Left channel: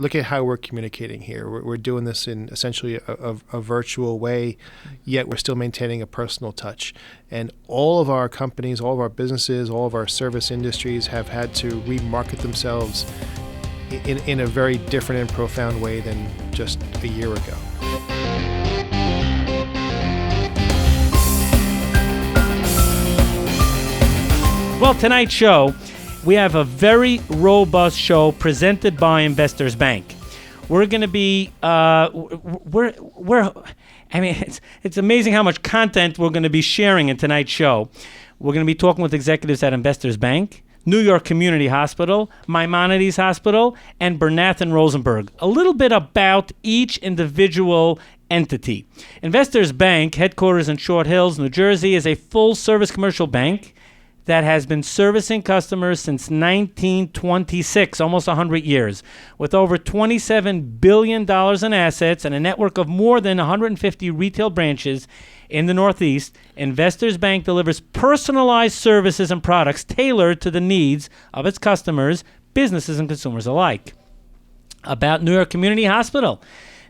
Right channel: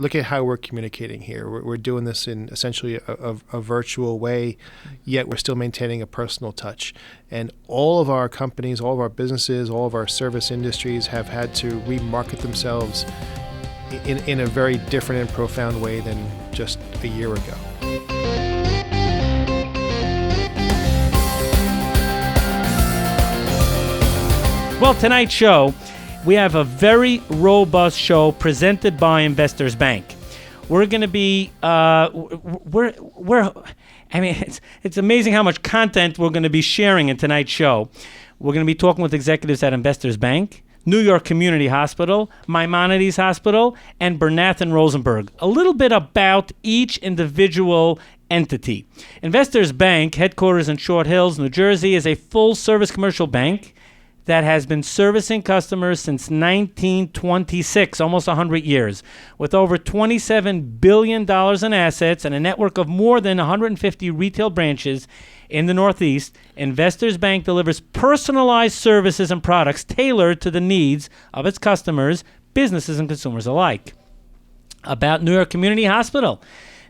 Look at how we're communicating here. We're doing this in essentially a virtual way, yet we're still maintaining a personal touch. And all of our companies, all of our businesses, all of our service industries have had to remarket themselves in a very different and profound way than just a year ago. Well, tonight's show, we have a very robust show presented by Investors Bank. We're going to be, it's amazing how much content we're going to be sharing in tonight's show. We're going to be talking with executives at Investors Bank, New York Community Hospital, Maimonides Hospital, and Bernath and Rosenberg. A little bit about each individual entity. Investors Bank, headquarters in Short Hills, New Jersey, is a full-service commercial bank that has been servicing customers since 1926, almost 100 years, with over $27 billion in assets and a network of more than 150 retail branches in the Northeast. Investors Bank delivers personalized services and products tailored to the needs of its customers, businesses, and consumers alike. About New York Community Hospital.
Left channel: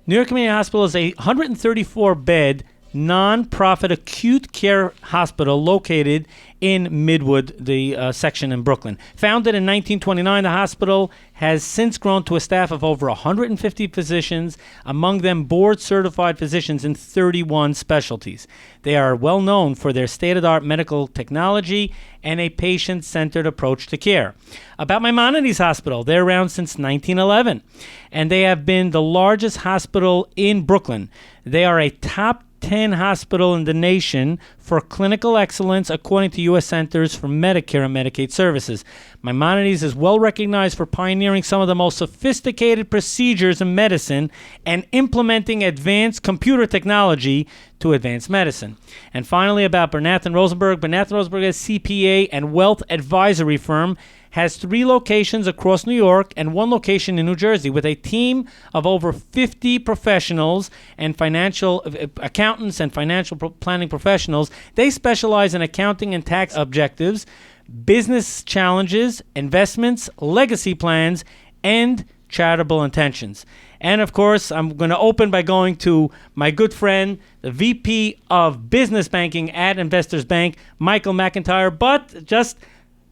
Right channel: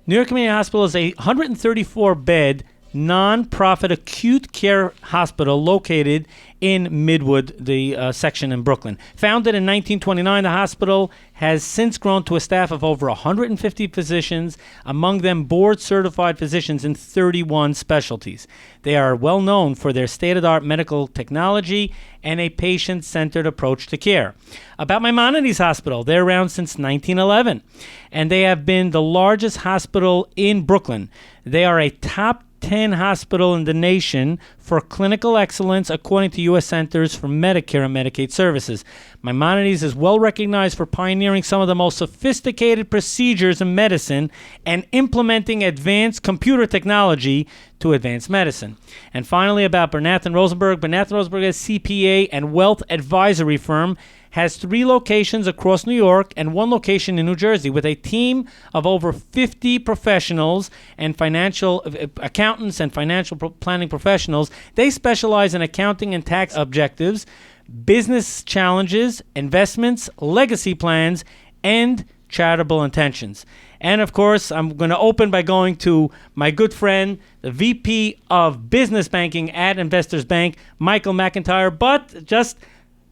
New York Community Hospital is a 134-bed non-profit acute care hospital located in Midwood, the section in Brooklyn. Founded in 1929, the hospital has since grown to a staff of over 150 physicians, among them board-certified physicians in 31 specialties. They are well known for their state-of-the-art medical technology and a patient-centered approach to care. About Maimonides Hospital, they're around since 1911, and they have been the largest hospital in Brooklyn. They are a top 10 hospital in the nation for clinical excellence, according to U.S. Centers for Medicare and Medicaid Services. Maimonides is well recognized for pioneering some of the most sophisticated procedures in medicine and implementing advanced computer technology to advance medicine. And finally, about Bernath and Rosenberg. Bernath and Rosenberg is a CPA and wealth advisory firm, has 3 locations across New York and 1 location in New Jersey, with a team of over 50 professionals and financial accountants and financial planning professionals. They specialize in accounting and tax objectives, business challenges, investments, legacy plans, and charitable intentions. And of course, I'm going to open by going to my good friend, the VP of Business Banking at Investors Bank, Michael MacIntyre, but just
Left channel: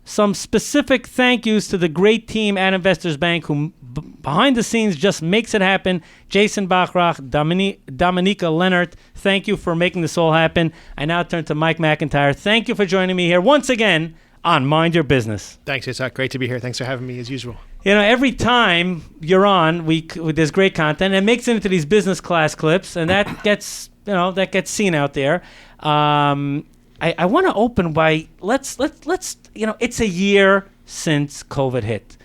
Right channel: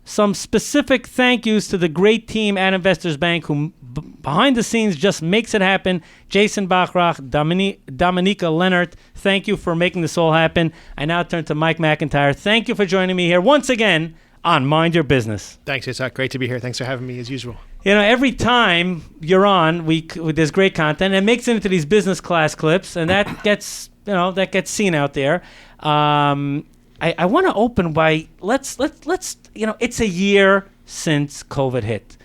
some specific thank yous to the great team at Investors Bank who behind the scenes just makes it happen. Jason Bachrach, Dominika Leonard, thank you for making this all happen. I now turn to Mike MacIntyre. Thank you for joining me here once again on Mind Your Business. Thanks, Yitzchok. Great to be here. Thanks for having me as usual. You know, every time you're on, there's great content. It makes it into these business class clips, and that gets seen out there. I want to open by let's it's a year since COVID hit,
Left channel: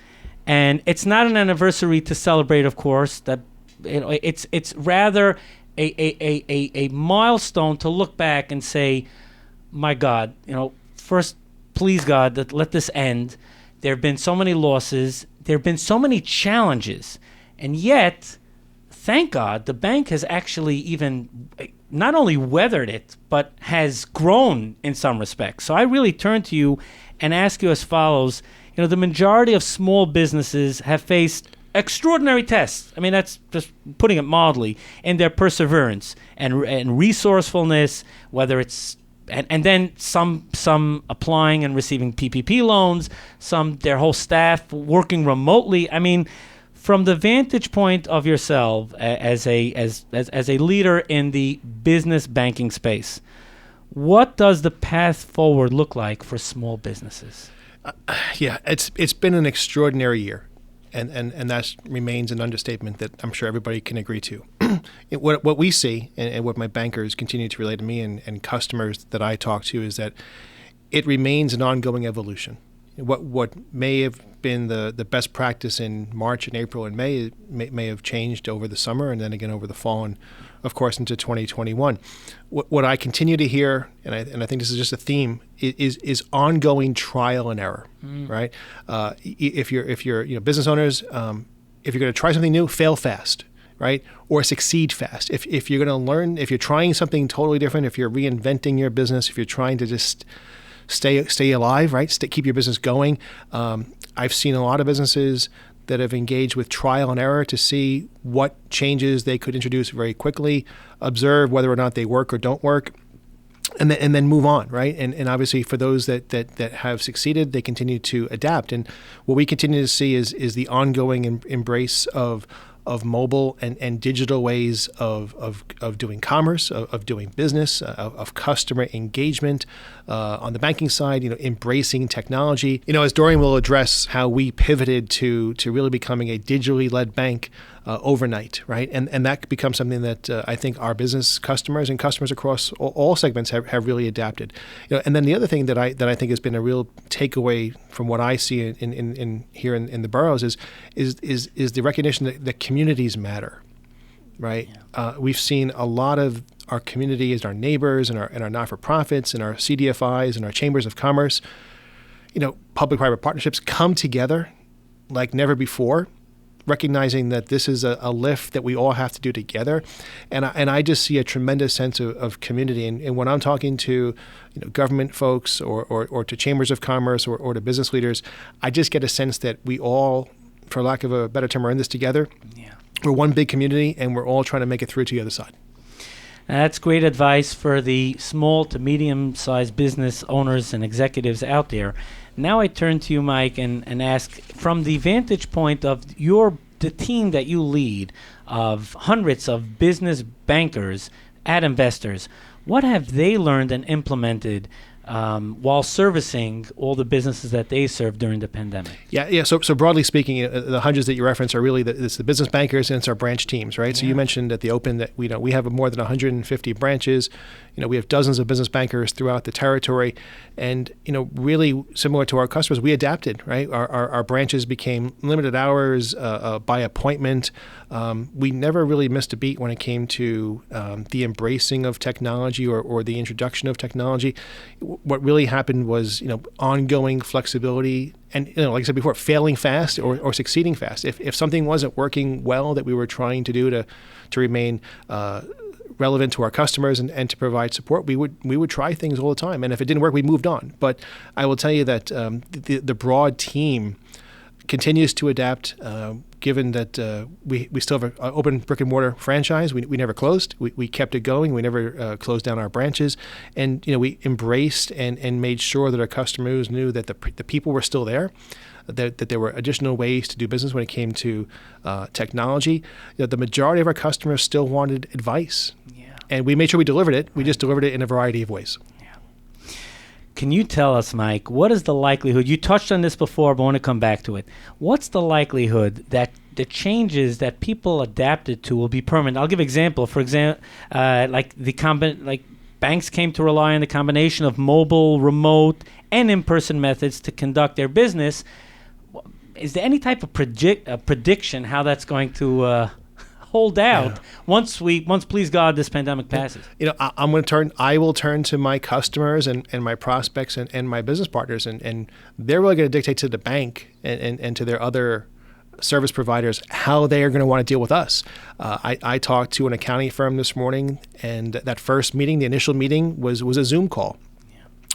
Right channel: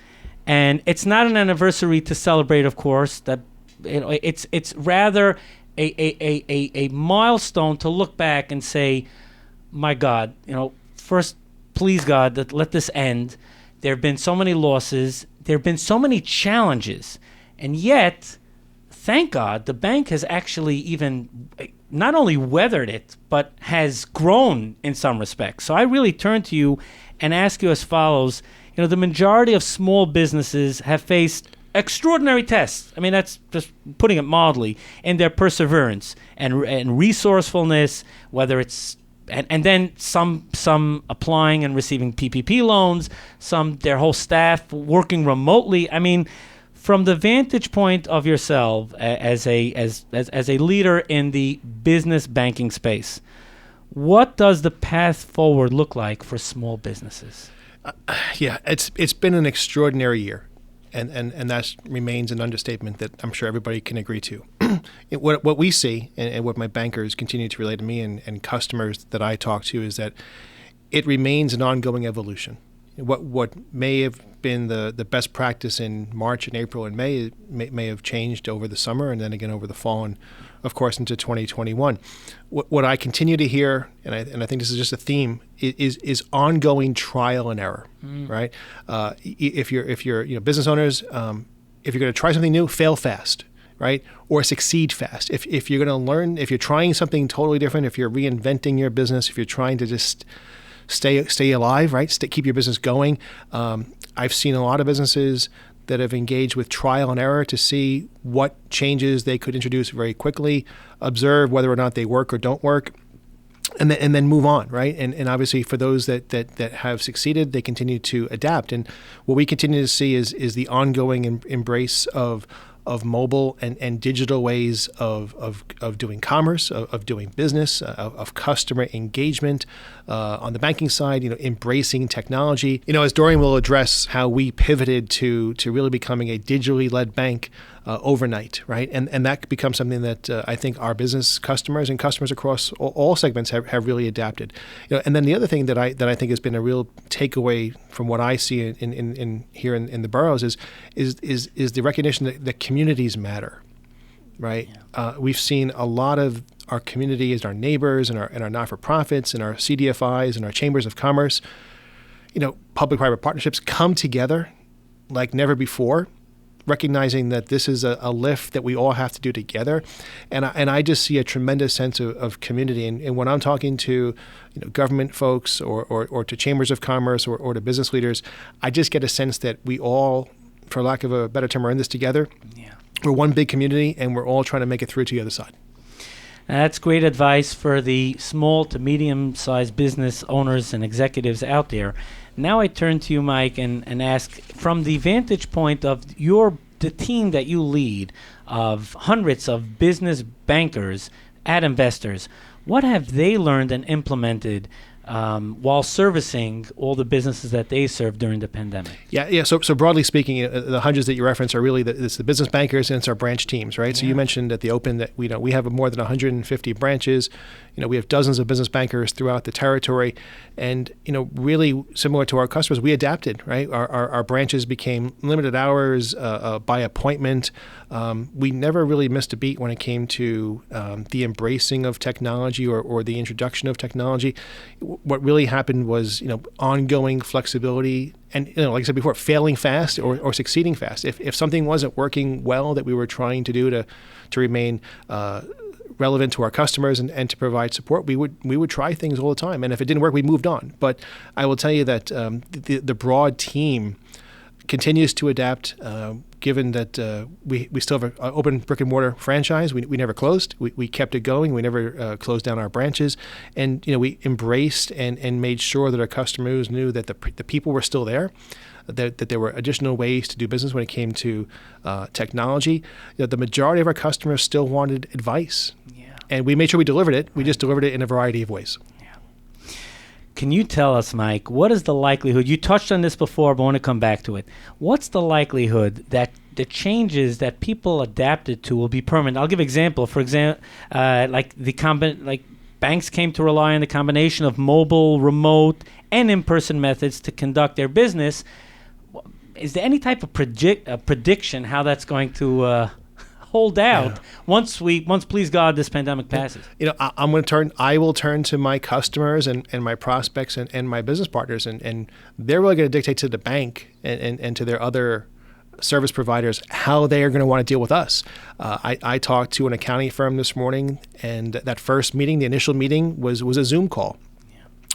and it's not an anniversary to celebrate, of course. That it's rather a milestone to look back and say, my God, first, please God, that let this end. There have been so many losses. There have been so many challenges, and yet, thank God, the bank has actually even not only weathered it, but has grown in some respects. So I really turn to you and ask you as follows. The majority of small businesses have faced extraordinary tests. I mean, that's just putting it mildly, in their perseverance and resourcefulness, whether it's and then some applying and receiving PPP loans, some their whole staff working remotely. I mean, from the vantage point of yourself as a leader in the business banking space, what does the path forward look like for small businesses? It's been an extraordinary year, and that remains an understatement that I'm sure everybody can agree to. What we see, and what my bankers continue to relate to me and customers that I talk to, is that it remains an ongoing evolution. What may have been the best practice in March and April and May may have changed over the summer and then again over the fall and, of course, into 2021. What I continue to hear, and I think this is just a theme, is ongoing trial and error, right? If you're business owners, if you're going to try something new, fail fast, right? Or succeed fast. If you're going to learn, if you're trying something totally different, if you're reinventing your business, if you're trying to just stay alive, right? Keep your business going. I've seen a lot of businesses that have engaged with trial and error to see what changes they could introduce very quickly, observe whether or not they work or don't work, and then move on, right? And obviously for those that have succeeded, they continue to adapt. And what we continue to see is the ongoing embrace of mobile and digital ways of doing commerce, of doing business, of customer engagement. On the banking side, embracing technology. As Dorian will address how we pivoted to really becoming a digitally led bank overnight, right? And that becomes something that I think our business customers and customers across all segments have really adapted. And then the other thing that I think has been a real takeaway from what I see in here in the boroughs is the recognition that communities matter, right? Yeah. We've seen a lot of our community as our neighbors and our not-for-profits and our CDFIs and our chambers of commerce, public-private partnerships come together like never before, recognizing that this is a lift that we all have to do together. And I just see a tremendous sense of community. And when I'm talking to government folks or to chambers of commerce or to business leaders, I just get a sense that we all, for lack of a better term, are in this together. Yeah. We're one big community, and we're all trying to make it through to the other side. That's great advice for the small to medium-sized business owners and executives out there. Now I turn to you, Mike, and ask, from the vantage point of the team that you lead, of hundreds of business bankers at Investors, what have they learned and implemented while servicing all the businesses that they served during the pandemic? Yeah. So broadly speaking, the hundreds that you reference are really it's the business bankers and it's our branch teams, right? Yeah. So you mentioned at the open that we have more than 150 branches. We have dozens of business bankers throughout the territory, and really similar to our customers, we adapted, right? Our branches became limited hours by appointment. We never really missed a beat when it came to the embracing of technology or the introduction of technology. What really happened was ongoing flexibility and like I said before, failing fast or succeeding fast. If something wasn't working well that we were trying to do to remain relevant to our customers and to provide support, we would try things all the time. And if it didn't work, we moved on. But I will tell you that the broad team continues to adapt, given that we still have an open brick and mortar franchise. We never closed. We kept it going. We never closed down our branches. And we embraced and made sure that our customers knew that the people were still there, that there were additional ways to do business when it came to technology. The majority of our customers still wanted advice. Yeah. And we made sure we delivered it. We just delivered it in a variety of ways. Yeah. Can you tell us, Mike, what is the likelihood, you touched on this before, but I want to come back to it. What's the likelihood that the changes that people adapted to will be permanent? I'll give an example. For example, banks came to rely on the combination of mobile, remote, and in-person methods to conduct their business. Is there any type of prediction how that's going to hold out once please God this pandemic passes? I will turn to my customers and my prospects and my business partners, and they're really going to dictate to the bank and to their other service providers how they are going to want to deal with us. I talked to an accounting firm this morning, and that first meeting, the initial meeting, was a Zoom call.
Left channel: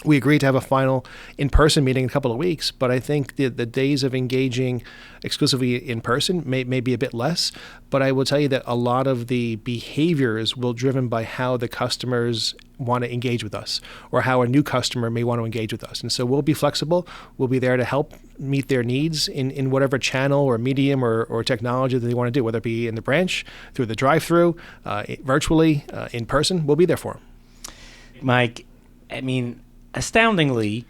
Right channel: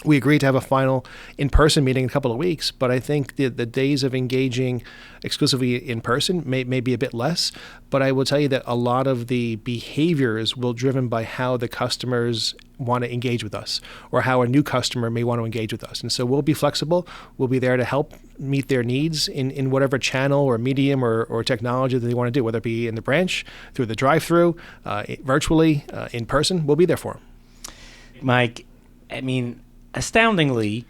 We agreed to have a final in-person meeting in a couple of weeks, but I think the days of engaging exclusively in person may be a bit less. But I will tell you that a lot of the behaviors will be driven by how the customers want to engage with us or how a new customer may want to engage with us. And so we'll be flexible. We'll be there to help meet their needs in whatever channel or medium or technology that they want to do, whether it be in the branch, through the drive-through, virtually, in person. We'll be there for them. Mike, astoundingly,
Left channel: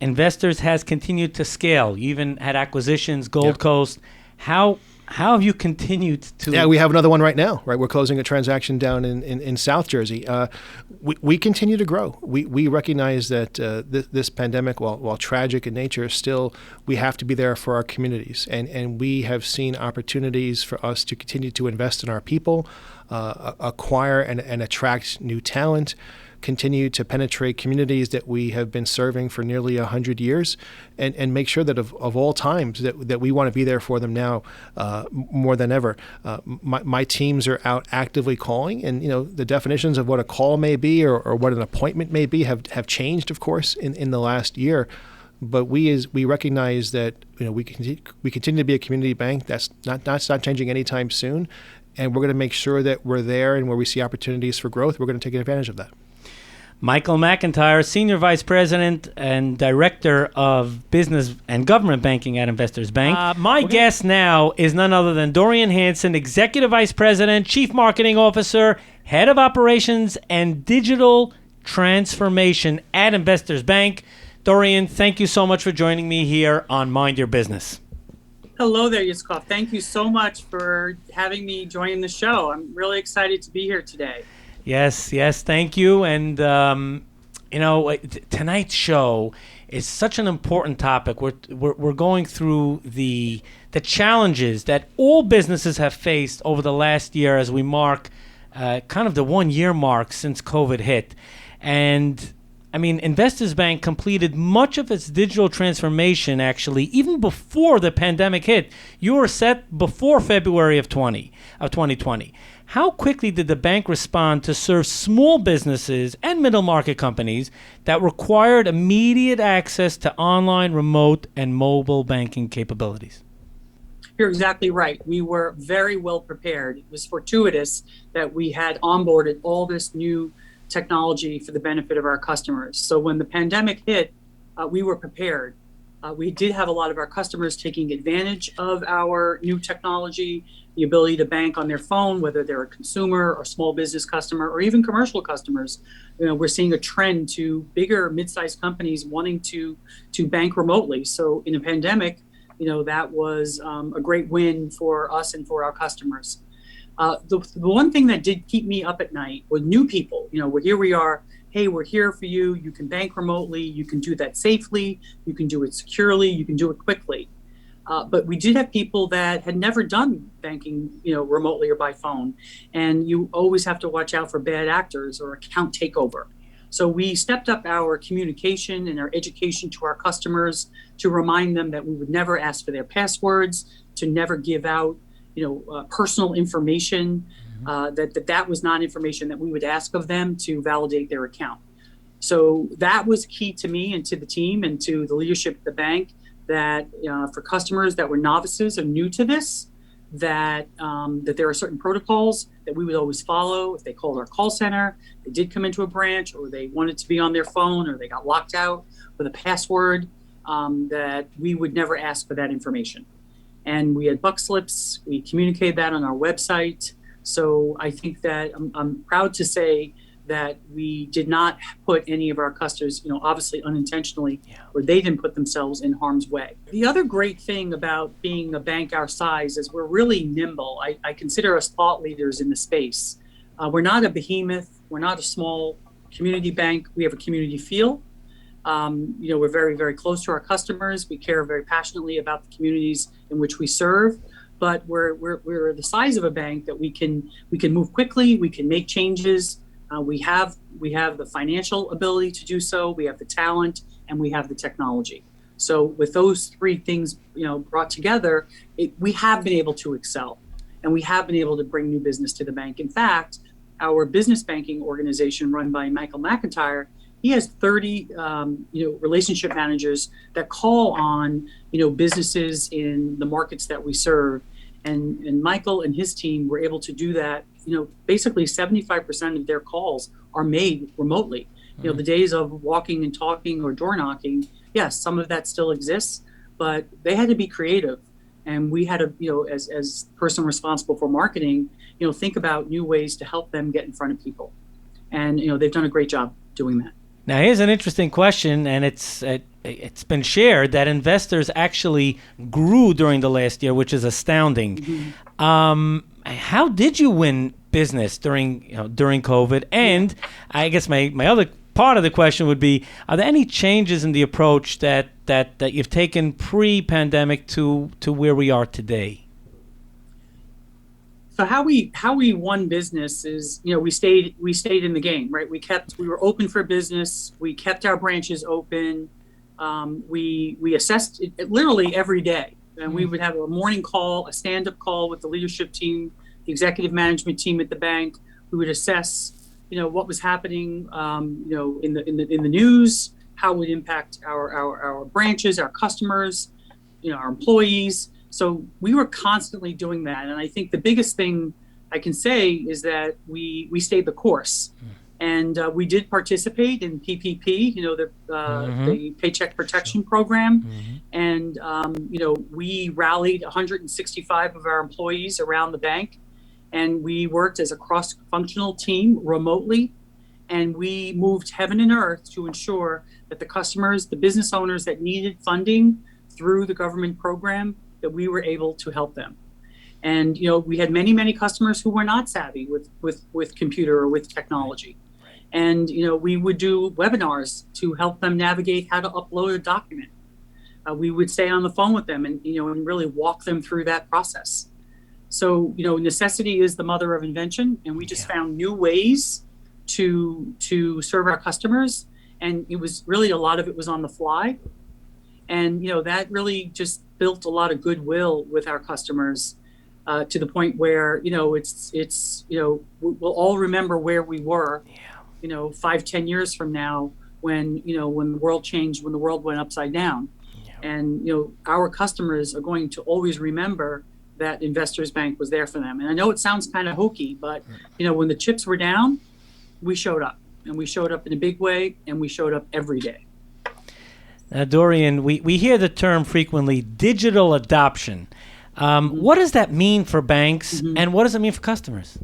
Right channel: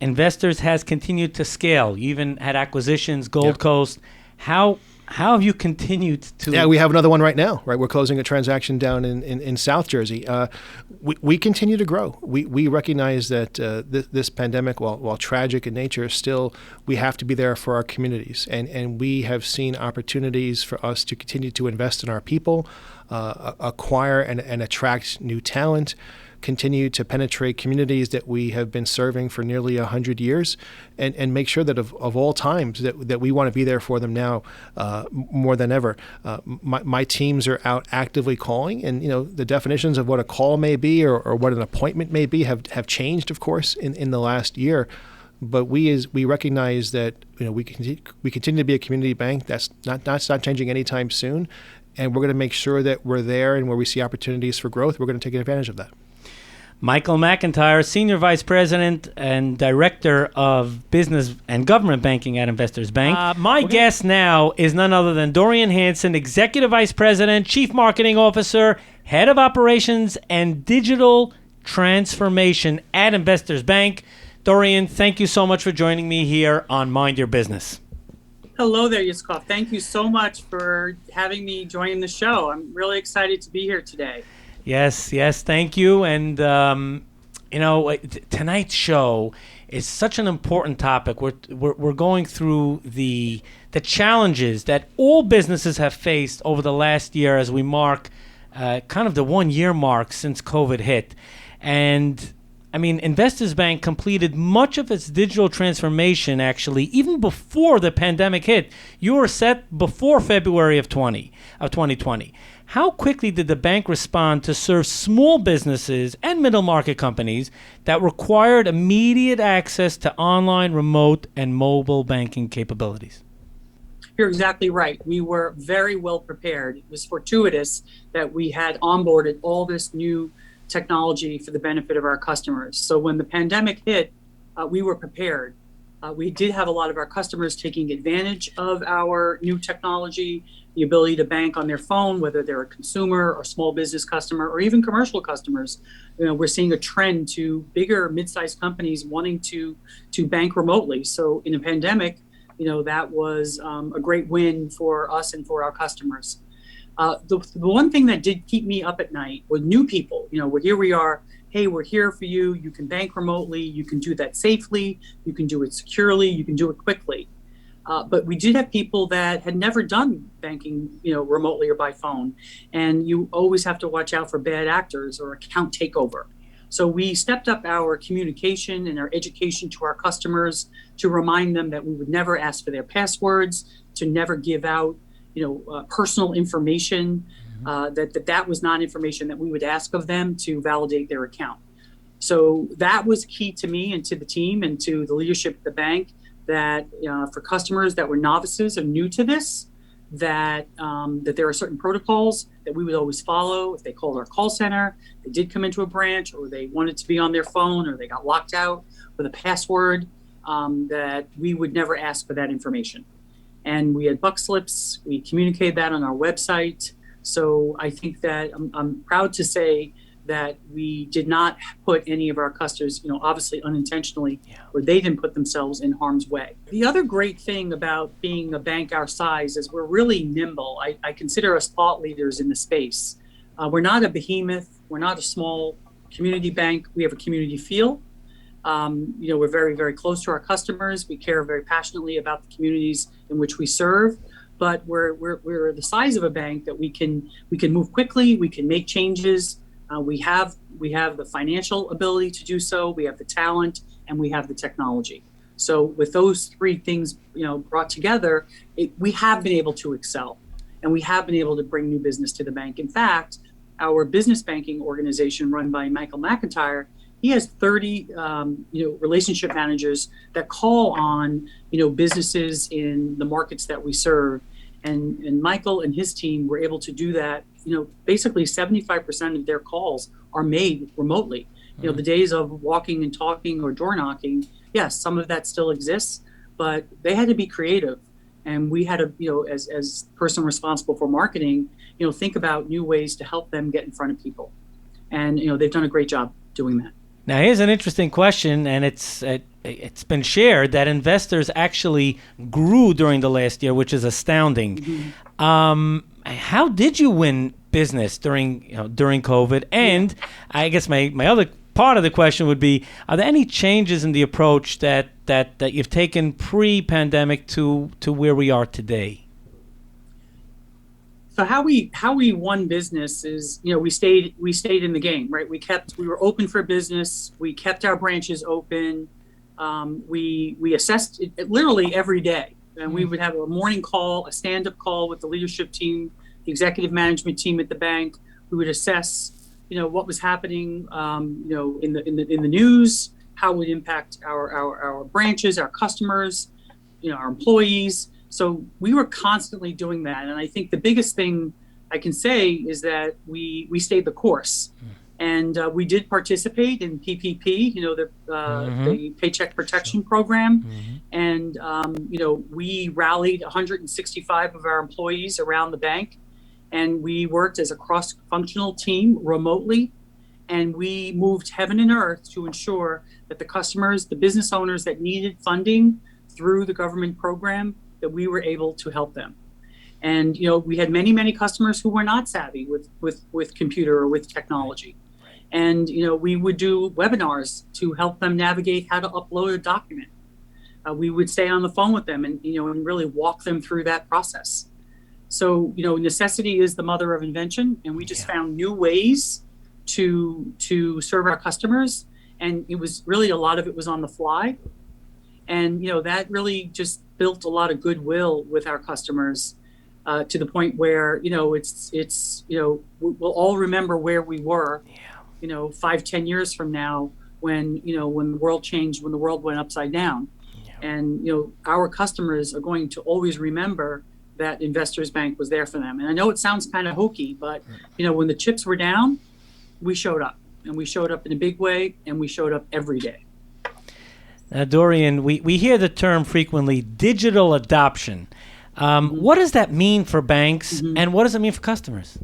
Investors has continued to scale. You even had acquisitions, Gold Coast. How have you continued to? Yeah, we have another one right now. Right, we're closing a transaction down in South Jersey. We continue to grow. We recognize that this pandemic, while tragic in nature, still we have to be there for our communities, and we have seen opportunities for us to continue to invest in our people, acquire and attract new talent, continue to penetrate communities that we have been serving for nearly 100 years, and make sure that of all times that we want to be there for them now more than ever. My teams are out actively calling, and the definitions of what a call may be or what an appointment may be have changed, of course, in the last year. but we recognize that we continue to be a community bank. That's not changing anytime soon, and we're going to make sure that we're there, and where we see opportunities for growth, we're going to take advantage of that. Michael MacIntyre, Senior Vice President and Director of Business and Government Banking at Investors Bank. My guest now is none other than Dorian Hansen, Executive Vice President, Chief Marketing Officer, Head of Operations and Digital Transformation at Investors Bank. Dorian, thank you so much for joining me here on Mind Your Business. Hello there, Yitzchok. Thank you so much for having me join the show. I'm really excited to be here today. Yes, thank you. And, tonight's show is such an important topic. We're going through the challenges that all businesses have faced over the last year as we mark kind of the 1 year mark since COVID hit. And, Investors Bank completed much of its digital transformation, actually, even before the pandemic hit. You were set before February of 2020. How quickly did the bank respond to serve small businesses and middle market companies that required immediate access to online, remote, and mobile banking capabilities? You're exactly right. We were very well prepared. It was fortuitous that we had onboarded all this new technology for the benefit of our customers. So when the pandemic hit, we were prepared. We did have a lot of our customers taking advantage of our new technology, the ability to bank on their phone, whether they're a consumer or small business customer or even commercial customers. We're seeing a trend to bigger mid-sized companies wanting to bank remotely. So in a pandemic, that was a great win for us and for our customers. The one thing that did keep me up at night was new people. Here we are. Hey, we're here for you. You can bank remotely. You can do that safely. You can do it securely. You can do it quickly. But we did have people that had never done banking, remotely or by phone. And you always have to watch out for bad actors or account takeover. So we stepped up our communication and our education to our customers to remind them that we would never ask for their passwords, to never give out, personal information, that was not information that we would ask of them to validate their account. So that was key to me and to the team and to the leadership of the bank, that for customers that were novices or new to this, that there are certain protocols that we would always follow. If they called our call center, they did come into a branch, or they wanted to be on their phone, or they got locked out with a password, that we would never ask for that information. And we had buck slips. We communicated that on our website. So I think that I'm proud to say that we did not put any of our customers, obviously unintentionally, or they didn't put themselves in harm's way. The other great thing about being a bank our size is we're really nimble. I consider us thought leaders in the space. We're not a behemoth. We're not a small community bank. We have a community feel. We're very, very close to our customers. We care very passionately about the communities in which we serve. But we're the size of a bank that we can move quickly. We can make changes. We have the financial ability to do so. We have the talent, and we have the technology. So with those three things, brought together, we have been able to excel, and we have been able to bring new business to the bank. In fact, our business banking organization, run by Michael MacIntyre, he has 30, relationship managers that call on, businesses in the markets that we serve. And Michael and his team were able to do that. Basically 75% of their calls are made remotely. The days of walking and talking or door knocking, yes, some of that still exists, but they had to be creative. And we had to, as person responsible for marketing, think about new ways to help them get in front of people. And, they've done a great job doing that. Now, here's an interesting question, and it's been shared that investors actually grew during the last year, which is astounding. Mm-hmm. How did you win business during COVID? And I guess my other part of the question would be: are there any changes in the approach that you've taken pre-pandemic to where we are today? So how we won business is, we stayed in the game, right? We were open for business. We kept our branches open. We assessed it literally every day, and we would have a morning call, a stand-up call with the leadership team, the executive management team at the bank. We would assess, what was happening, in the news, how it would impact our branches, our customers, our employees. So we were constantly doing that. And I think the biggest thing I can say is that we stayed the course. And we did participate in PPP, the Paycheck Protection Program. And, we rallied 165 of our employees around the bank. And we worked as a cross-functional team remotely. And we moved heaven and earth to ensure that the customers, the business owners that needed funding through the government program, that we were able to help them. And, we had many, many customers who were not savvy with computer or with technology. And, we would do webinars to help them navigate how to upload a document. We would stay on the phone with them and really walk them through that process. So, necessity is the mother of invention. And we just found new ways to serve our customers. And it was really, a lot of it was on the fly. And, that really just built a lot of goodwill with our customers to the point where, we'll all remember where we were. 5-10 years from now, when the world changed, when the world went upside down. And our customers are going to always remember that Investors Bank was there for them. And I know it sounds kind of hokey, but when the chips were down, we showed up, and we showed up in a big way, and we showed up every day. Now, Dorian, we hear the term frequently, digital adoption. What does that mean for banks, and what does it mean for customers?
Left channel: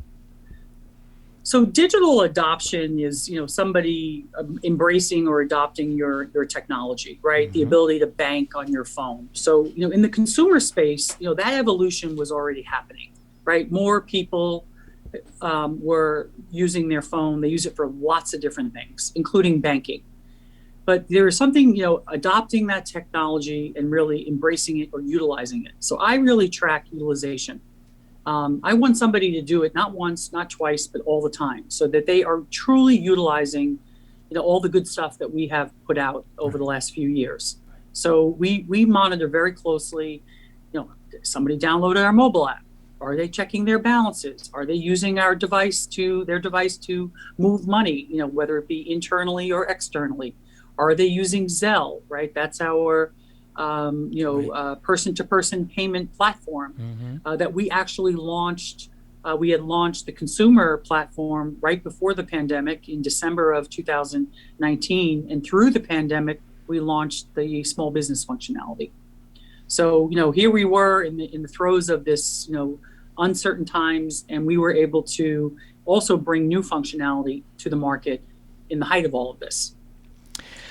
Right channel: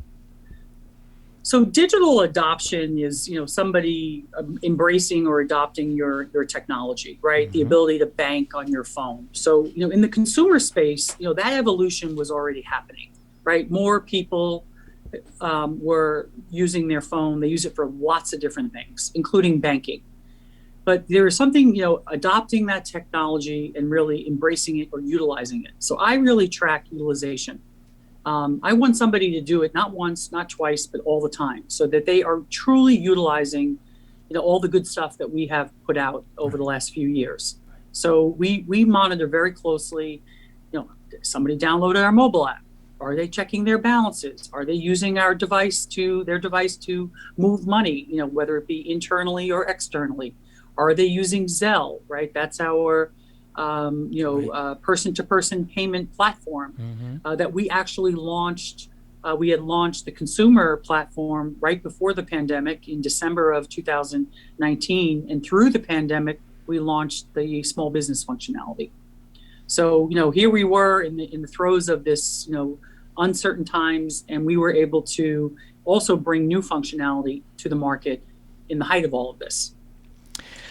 So digital adoption is, somebody embracing or adopting your technology, right? The ability to bank on your phone. So, in the consumer space, that evolution was already happening, right? More people were using their phone. They use it for lots of different things, including banking. But there is something, adopting that technology and really embracing it or utilizing it. So I really track utilization. I want somebody to do it not once, not twice, but all the time, so that they are truly utilizing, all the good stuff that we have put out over the last few years. So we monitor very closely, somebody downloaded our mobile app. Are they checking their balances? Are they using their device to move money, whether it be internally or externally? Are they using Zelle, right? That's our person-to-person payment platform that we actually launched. We had launched the consumer platform right before the pandemic in December of 2019. And through the pandemic, we launched the small business functionality. So, here we were in the throes of this, uncertain times, and we were able to also bring new functionality to the market in the height of all of this.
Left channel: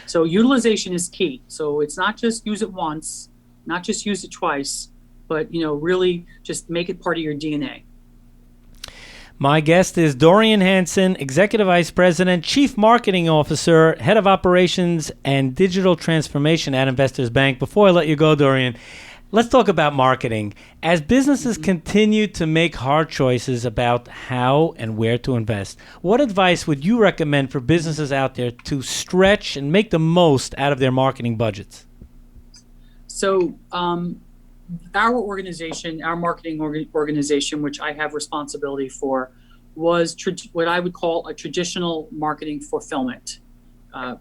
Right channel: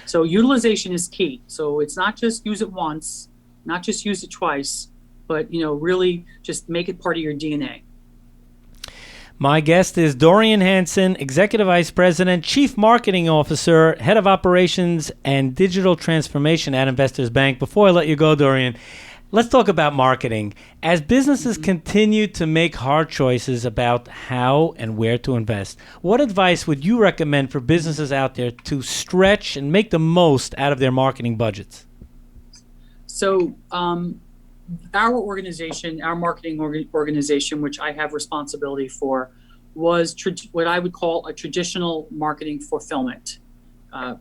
So utilization is key. So it's not just use it once, not just use it twice, but, really just make it part of your DNA. My guest is Dorian Hansen, Executive Vice President, Chief Marketing Officer, Head of Operations and Digital Transformation at Investors Bank. Before I let you go, Dorian, let's talk about marketing. As businesses continue to make hard choices about how and where to invest, what advice would you recommend for businesses out there to stretch and make the most out of their marketing budgets? So our organization, our marketing organization, which I have responsibility for, was what I would call a traditional marketing fulfillment.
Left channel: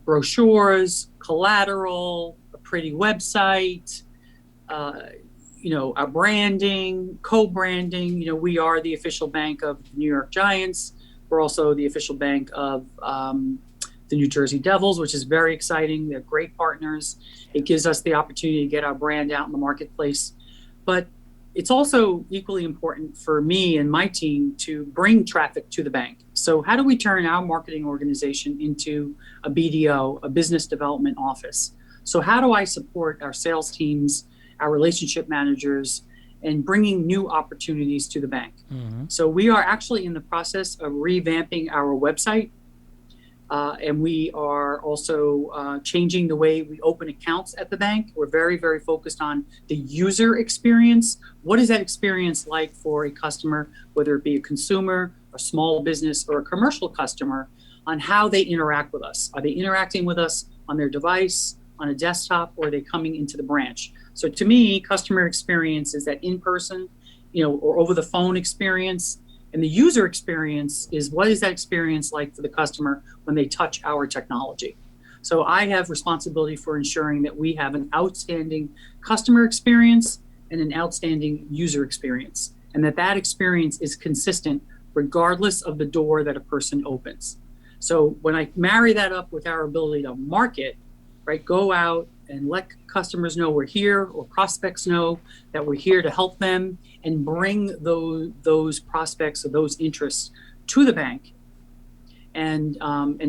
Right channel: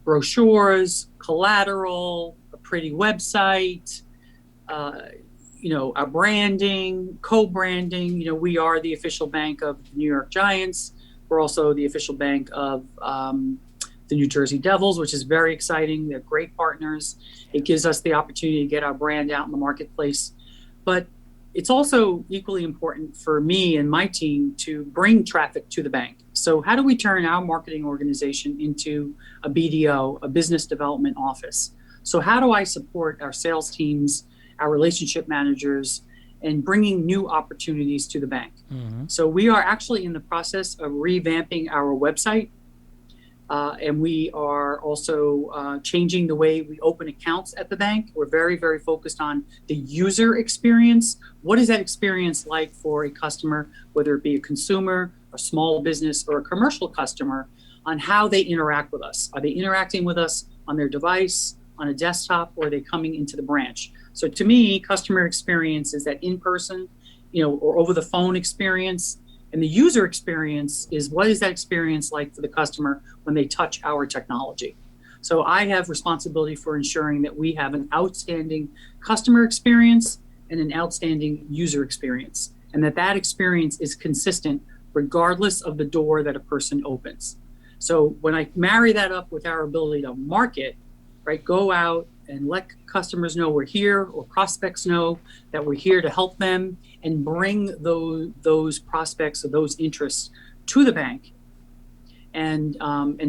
Brochures, collateral, a pretty website, our branding, co-branding. We are the official bank of the New York Giants. We're also the official bank of the New Jersey Devils, which is very exciting. They're great partners. It gives us the opportunity to get our brand out in the marketplace. But it's also equally important for me and my team to bring traffic to the bank. So how do we turn our marketing organization into a BDO, a business development office? So how do I support our sales teams, our relationship managers, and bringing new opportunities to the bank? So we are actually in the process of revamping our website. And we are also changing the way we open accounts at the bank. We're very, very focused on the user experience. What is that experience like for a customer, whether it be a consumer, a small business, or a commercial customer, on how they interact with us? Are they interacting with us on their device, on a desktop, or are they coming into the branch? So to me, customer experience is that in-person, or over the phone experience. And the user experience is, what is that experience like for the customer when they touch our technology? So I have responsibility for ensuring that we have an outstanding customer experience and an outstanding user experience, and that experience is consistent regardless of the door that a person opens. So when I marry that up with our ability to market, right, go out and let customers know we're here, or prospects know that we're here to help them, and bring those prospects or those interests to the bank, and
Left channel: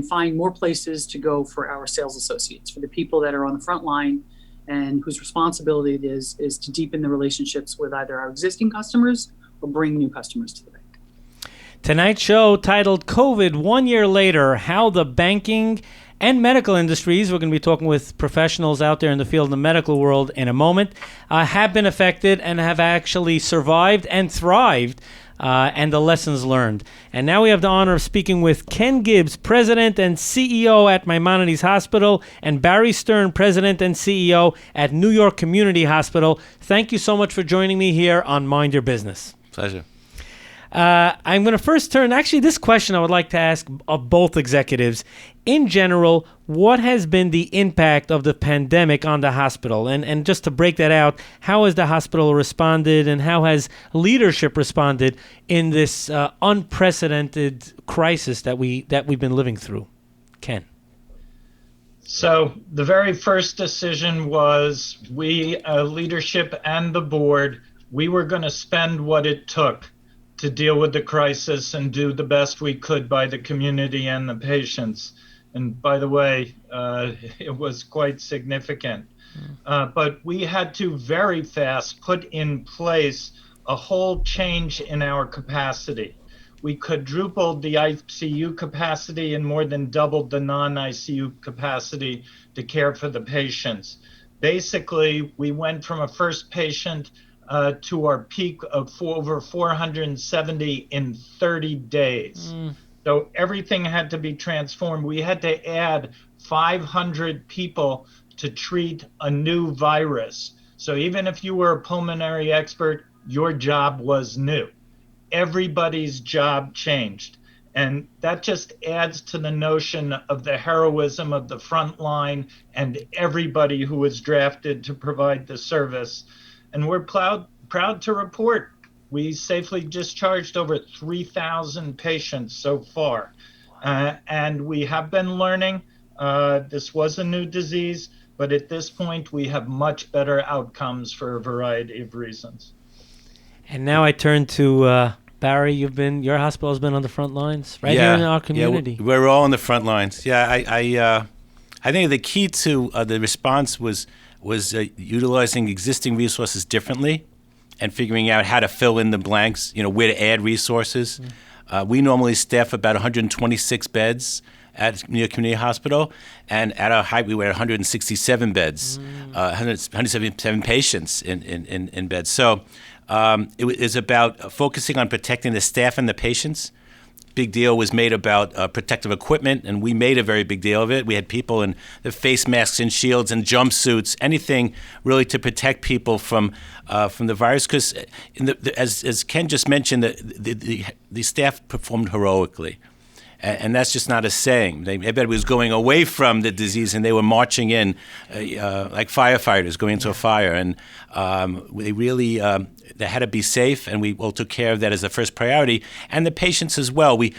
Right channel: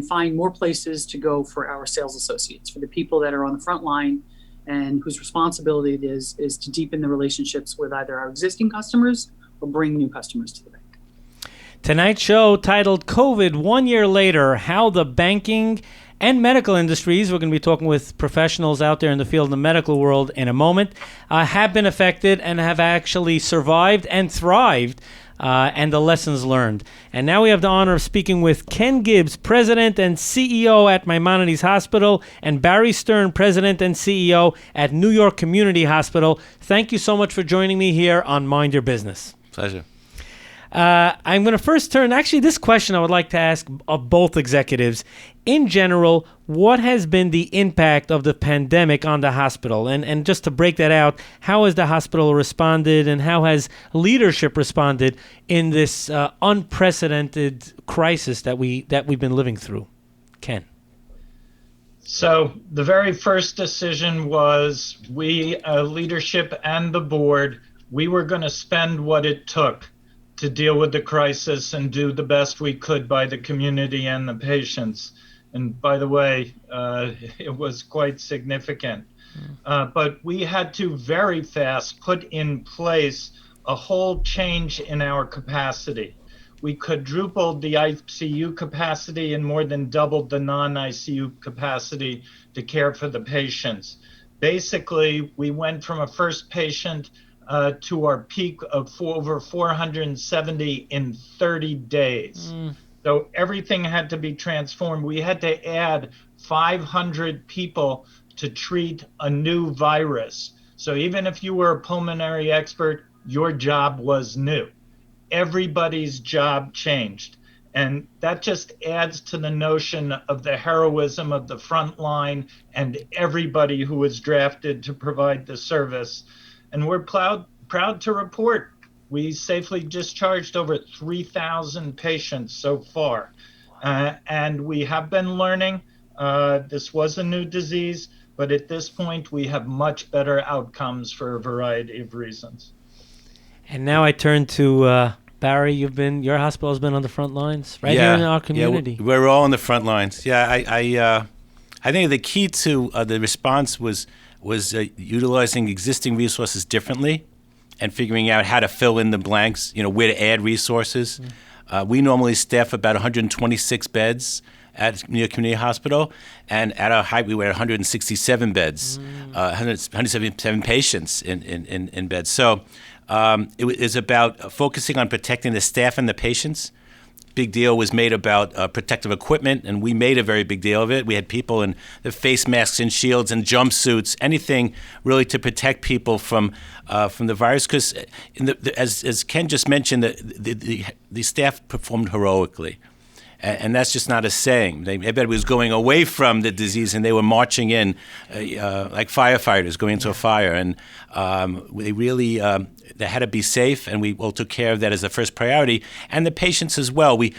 find more places to go for our sales associates, for the people that are on the front line and whose responsibility it is to deepen the relationships with either our existing customers or bring new customers to the bank. Tonight's show, titled COVID 1 Year Later, How the Banking and Medical Industries, we're going to be talking with professionals out there in the field of the medical world in a moment, have been affected and have actually survived and thrived, and the lessons learned. And now we have the honor of speaking with Ken Gibbs, President and CEO at Maimonides Hospital, and Barry Stern, President and CEO at New York Community Hospital. Thank you so much for joining me here on Mind Your Business. Pleasure. I'm going to first turn, actually this question I would like to ask of both executives. In general, what has been the impact of the pandemic on the hospital? And just to break that out, how has the hospital responded, and how has leadership responded in this unprecedented crisis that we've been living through? Ken. So the very first decision was we, leadership and the board, we were going to spend what it took to deal with the crisis and do the best we could by the community and the patients. And by the way, it was quite significant. But we had to very fast put in place a whole change in our capacity. We quadrupled the ICU capacity and more than doubled the non-ICU capacity to care for the patients. Basically, we went from a first patient to our peak of over 470 in 30 days. So everything had to be transformed. We had to add 500 people to treat a new virus. So even if you were a pulmonary expert, your job was new. Everybody's job changed. And that just adds to the notion of the heroism of the front line and everybody who was drafted to provide the service. And we're proud to report we safely discharged over 3,000 patients so far. And we have been learning. This was a new disease, but at this point we have much better outcomes for a variety of reasons. And now I turn to Barry. Your hospital has been on the front lines here in our community. Yeah, we're all on the front lines. Yeah, I think the key to the response was utilizing existing resources differently and figuring out how to fill in the blanks, where to add resources. We normally staff about 126 beds at New York Community Hospital, and at our height we were at 167 beds, 177 patients in beds. So it was about focusing on protecting the staff and the patients. Big deal was made about protective equipment, and we made a very big deal of it. We had people in the face masks and shields and jumpsuits, anything really to protect people from the virus. Because as Ken just mentioned, the staff performed heroically. And that's just not a saying. Everybody was going away from the disease, and they were marching in like firefighters going into a fire. And they really they had to be safe, and we all took care of that as the first priority. And the patients as well. We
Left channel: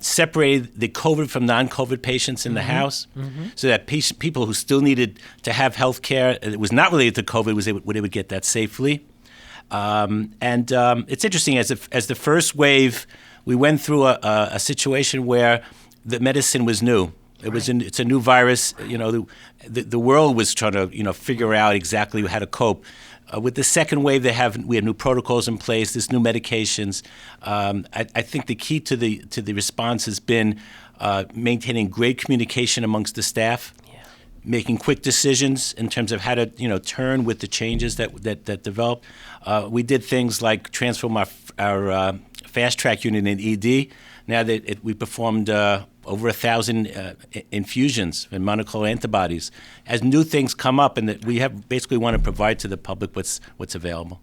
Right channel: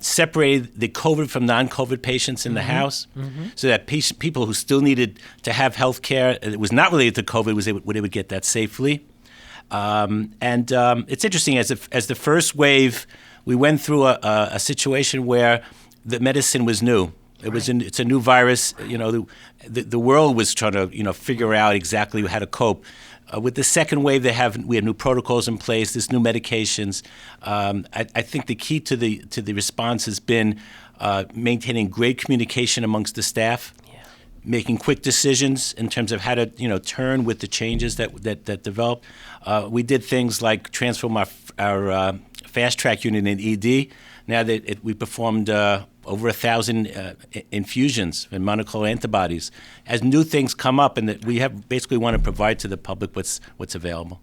separated the COVID from non-COVID patients in the house, so that people who still needed to have health care, it was not related to COVID, they would get that safely. And it's interesting, as the first wave, we went through a situation where the medicine was new. It's a new virus. The world was trying to figure out exactly how to cope. With the second wave, we have new protocols in place. There's new medications. I think the key to the response has been maintaining great communication amongst the staff, making quick decisions in terms of how to turn with the changes that develop. We did things like transform our fast track unit in ED. Now that we performed over 1,000 infusions and monoclonal antibodies. As new things come up, and that we have basically want to provide to the public what's available.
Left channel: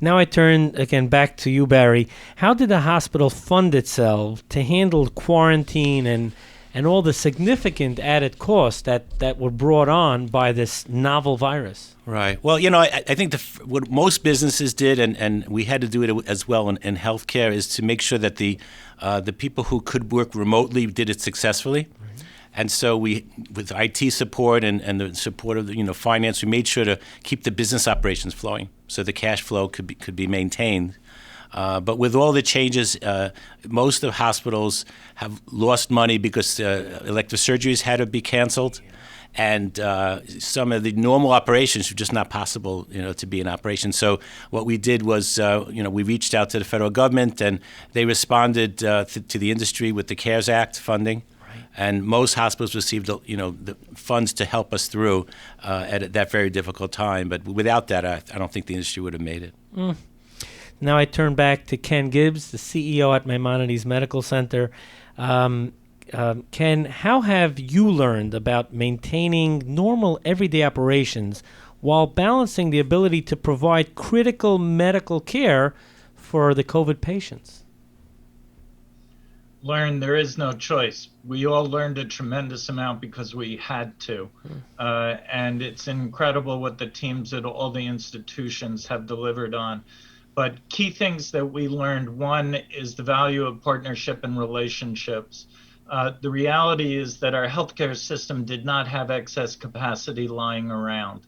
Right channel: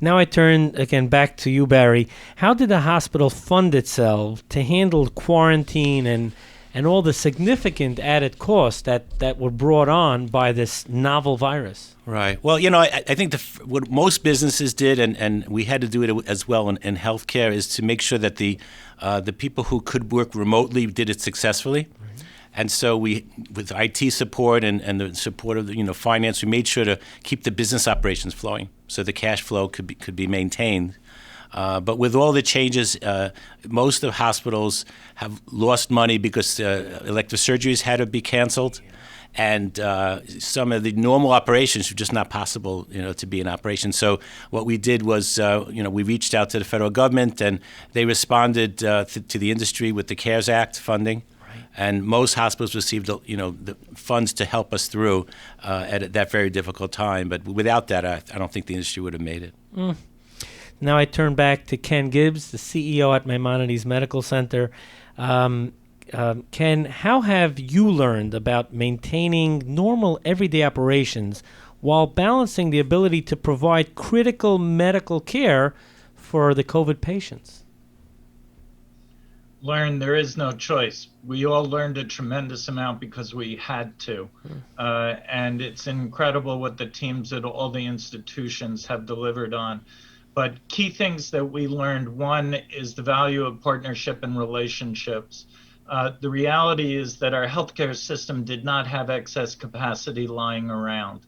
Now I turn again back to you, Barry. How did the hospital fund itself to handle quarantine and all the significant added costs that were brought on by this novel virus. Right. Well, I think what most businesses did, and we had to do it as well in healthcare, is to make sure that the people who could work remotely did it successfully. And so we, with IT support and the support of finance, we made sure to keep the business operations flowing, so the cash flow could be maintained. But with all the changes, most of hospitals have lost money because elective surgeries had to be canceled, and some of the normal operations were just not possible, to be in operation. So what we did was, we reached out to the federal government, and they responded to the industry with the CARES Act funding. And most hospitals received, the funds to help us through at that very difficult time. But without that, I don't think the industry would have made it. Now I turn back to Ken Gibbs, the CEO at Maimonides Medical Center. Ken, how have you learned about maintaining normal everyday operations while balancing the ability to provide critical medical care for the COVID patients? There is no choice. We all learned a tremendous amount because we had to. And it's incredible what the teams at all the institutions have delivered on. But key things that we learned, one is the value of partnership and relationships. The reality is that our healthcare system did not have excess capacity lying around.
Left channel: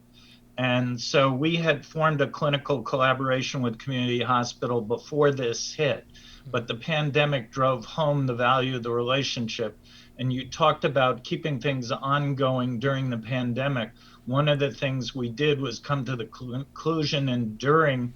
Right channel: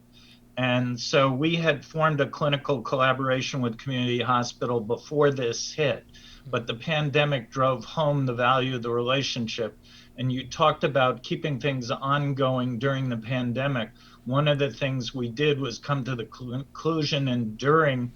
And so we had formed a clinical collaboration with Community Hospital before this hit. But the pandemic drove home the value of the relationship. And you talked about keeping things ongoing during the pandemic. One of the things we did was come to the conclusion, and during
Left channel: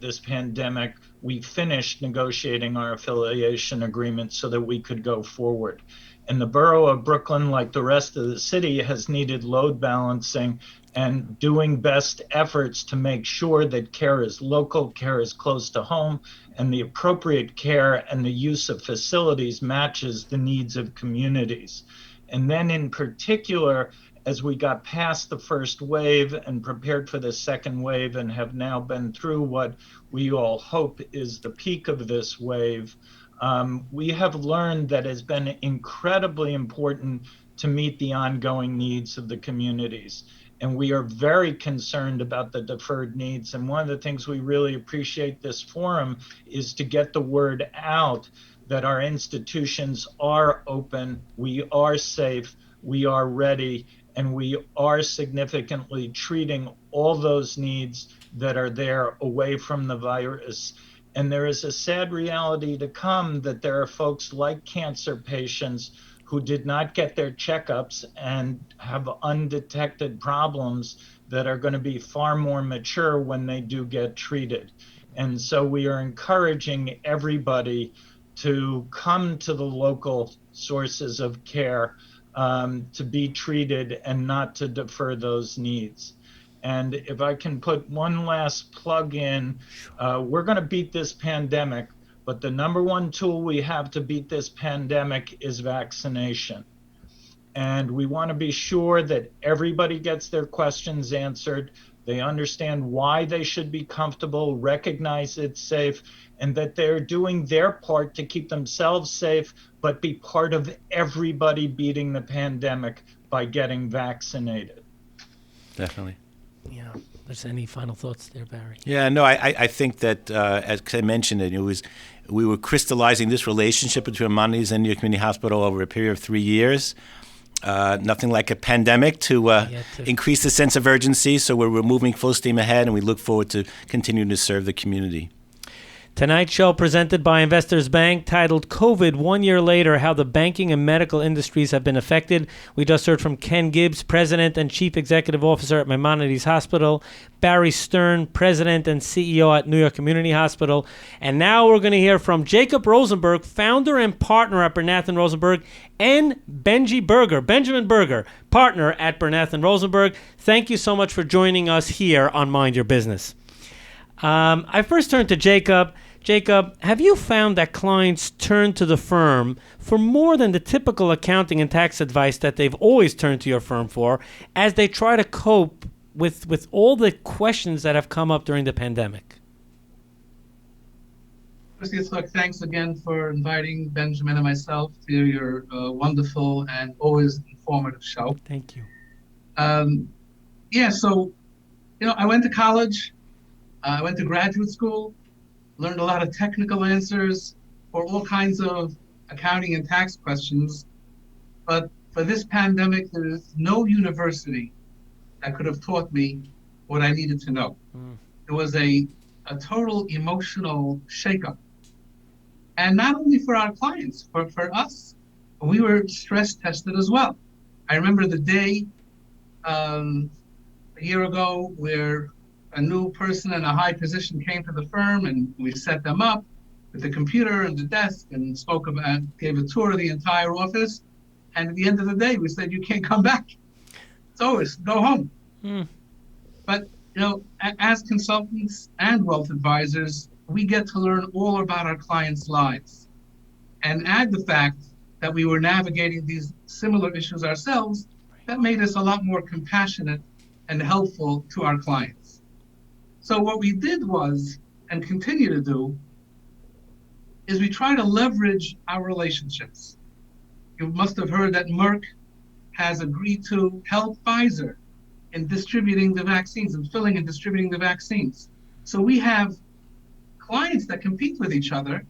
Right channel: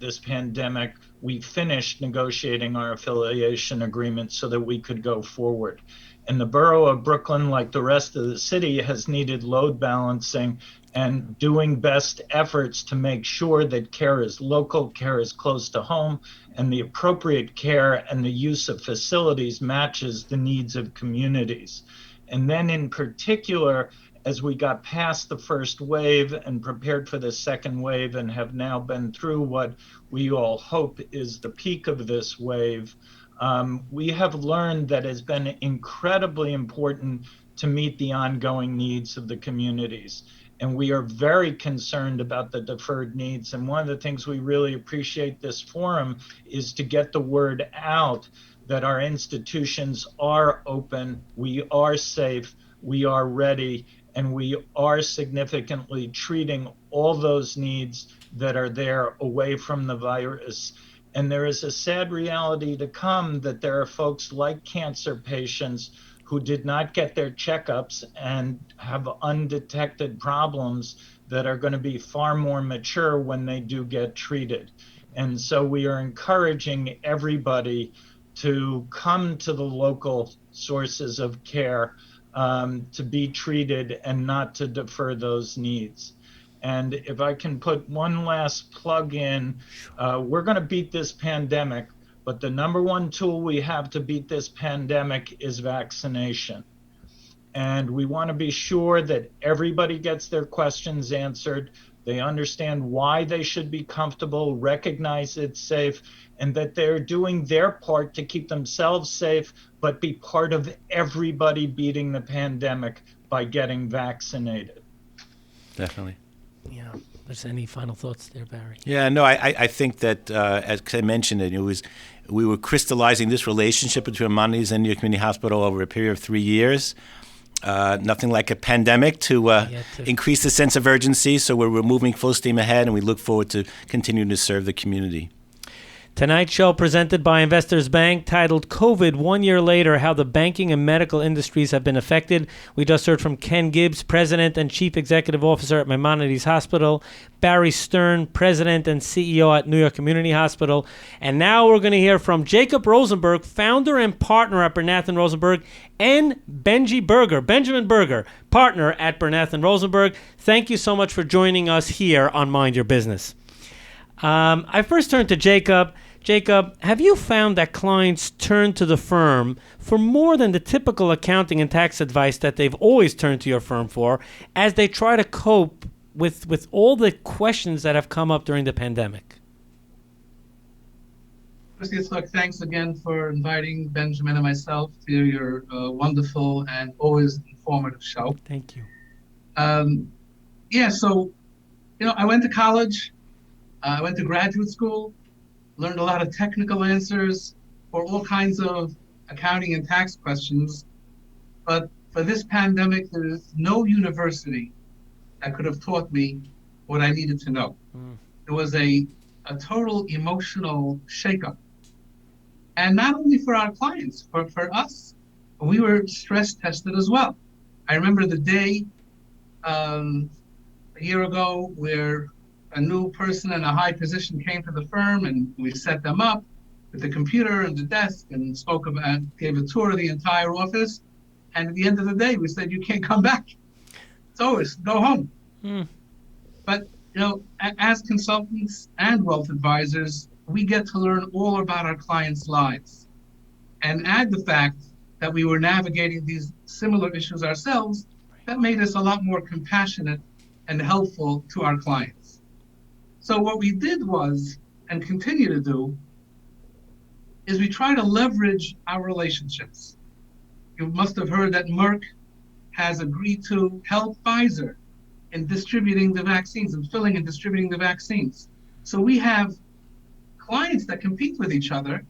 this pandemic, we finished negotiating our affiliation agreement so that we could go forward. And the borough of Brooklyn, like the rest of the city, has needed load balancing and doing best efforts to make sure that care is local, care is close to home, and the appropriate care and the use of facilities matches the needs of communities. And then in particular, as we got past the first wave and prepared for the second wave and have now been through what we all hope is the peak of this wave, we have learned that it's been incredibly important to meet the ongoing needs of the communities. And we are very concerned about the deferred needs. And one of the things we really appreciate this forum is to get the word out that our institutions are open, we are safe, we are ready, and we are significantly treating all those needs that are there away from the virus. And there is a sad reality to come that there are folks like cancer patients who did not get their checkups and have undetected problems that are going to be far more mature when they do get treated. And so we are encouraging everybody to come to the local sources of care to be treated and not to defer those needs. And if I can put one last plug in, we're going to beat this pandemic, but the number one tool we have to beat this pandemic is vaccination. And we want to be sure that everybody gets their questions answered, they understand why they should be comfortable, recognize it's safe, and that they're doing their part to keep themselves safe, but be part of everybody beating the pandemic by getting vaccinated. Definitely. Yeah. There's any final thoughts there, Barry? Yeah, no, I think that, as I mentioned, we were crystallizing this relationship between Maimonides and New York Community Hospital over a period of 3 years. Nothing like a pandemic to increase the sense of urgency. So we're moving full steam ahead, and we look forward to continuing to serve the community. Tonight's show presented by Investors Bank, titled COVID 1 Year Later, How the Banking and Medical Industries Have Been Affected. We just heard from Ken Gibbs, President and Chief Executive Officer at Maimonides Hospital, Barry Stern, President and CEO at New York Community Hospital, and now we're going to hear from Jacob Rosenberg, founder and partner at Bernath and Rosenberg, and Benjamin Berger, partner at Bernath and Rosenberg. Thank you so much for joining us here on Mind Your Business. I first turn to Jacob. Jacob, have you found that clients turn to the firm for more than the typical accounting and tax advice that they've always turned to your firm for as they try to cope with all the questions that have come up during the pandemic? Mr. Yitzchok, thanks again for inviting Benjamin and myself to your wonderful and always informative show. Thank you. So, I went to college, I went to graduate school, learned a lot of technical answers for all kinds of accounting and tax questions. But for this pandemic, there is no university that could have taught me what I needed to know. It was a total emotional shakeup. And not only for our clients, for us, we were stress tested as well. I remember the day a year ago where a new person in a high position came to the firm, and we set them up with the computer and the desk and gave a tour of the entire office. And at the end of the day, we said, you can't come back. It's over, go home. But, as consultants and wealth advisors, we get to learn all about our clients' lives. And add the fact that we were navigating these similar issues ourselves, that made us a lot more compassionate and helpful to our clients. So what we did was, and continue to do, is we try to leverage our relationships. You must have heard that Merck has agreed to help Pfizer in distributing the vaccines and filling and distributing the vaccines. So we have clients that compete with each other,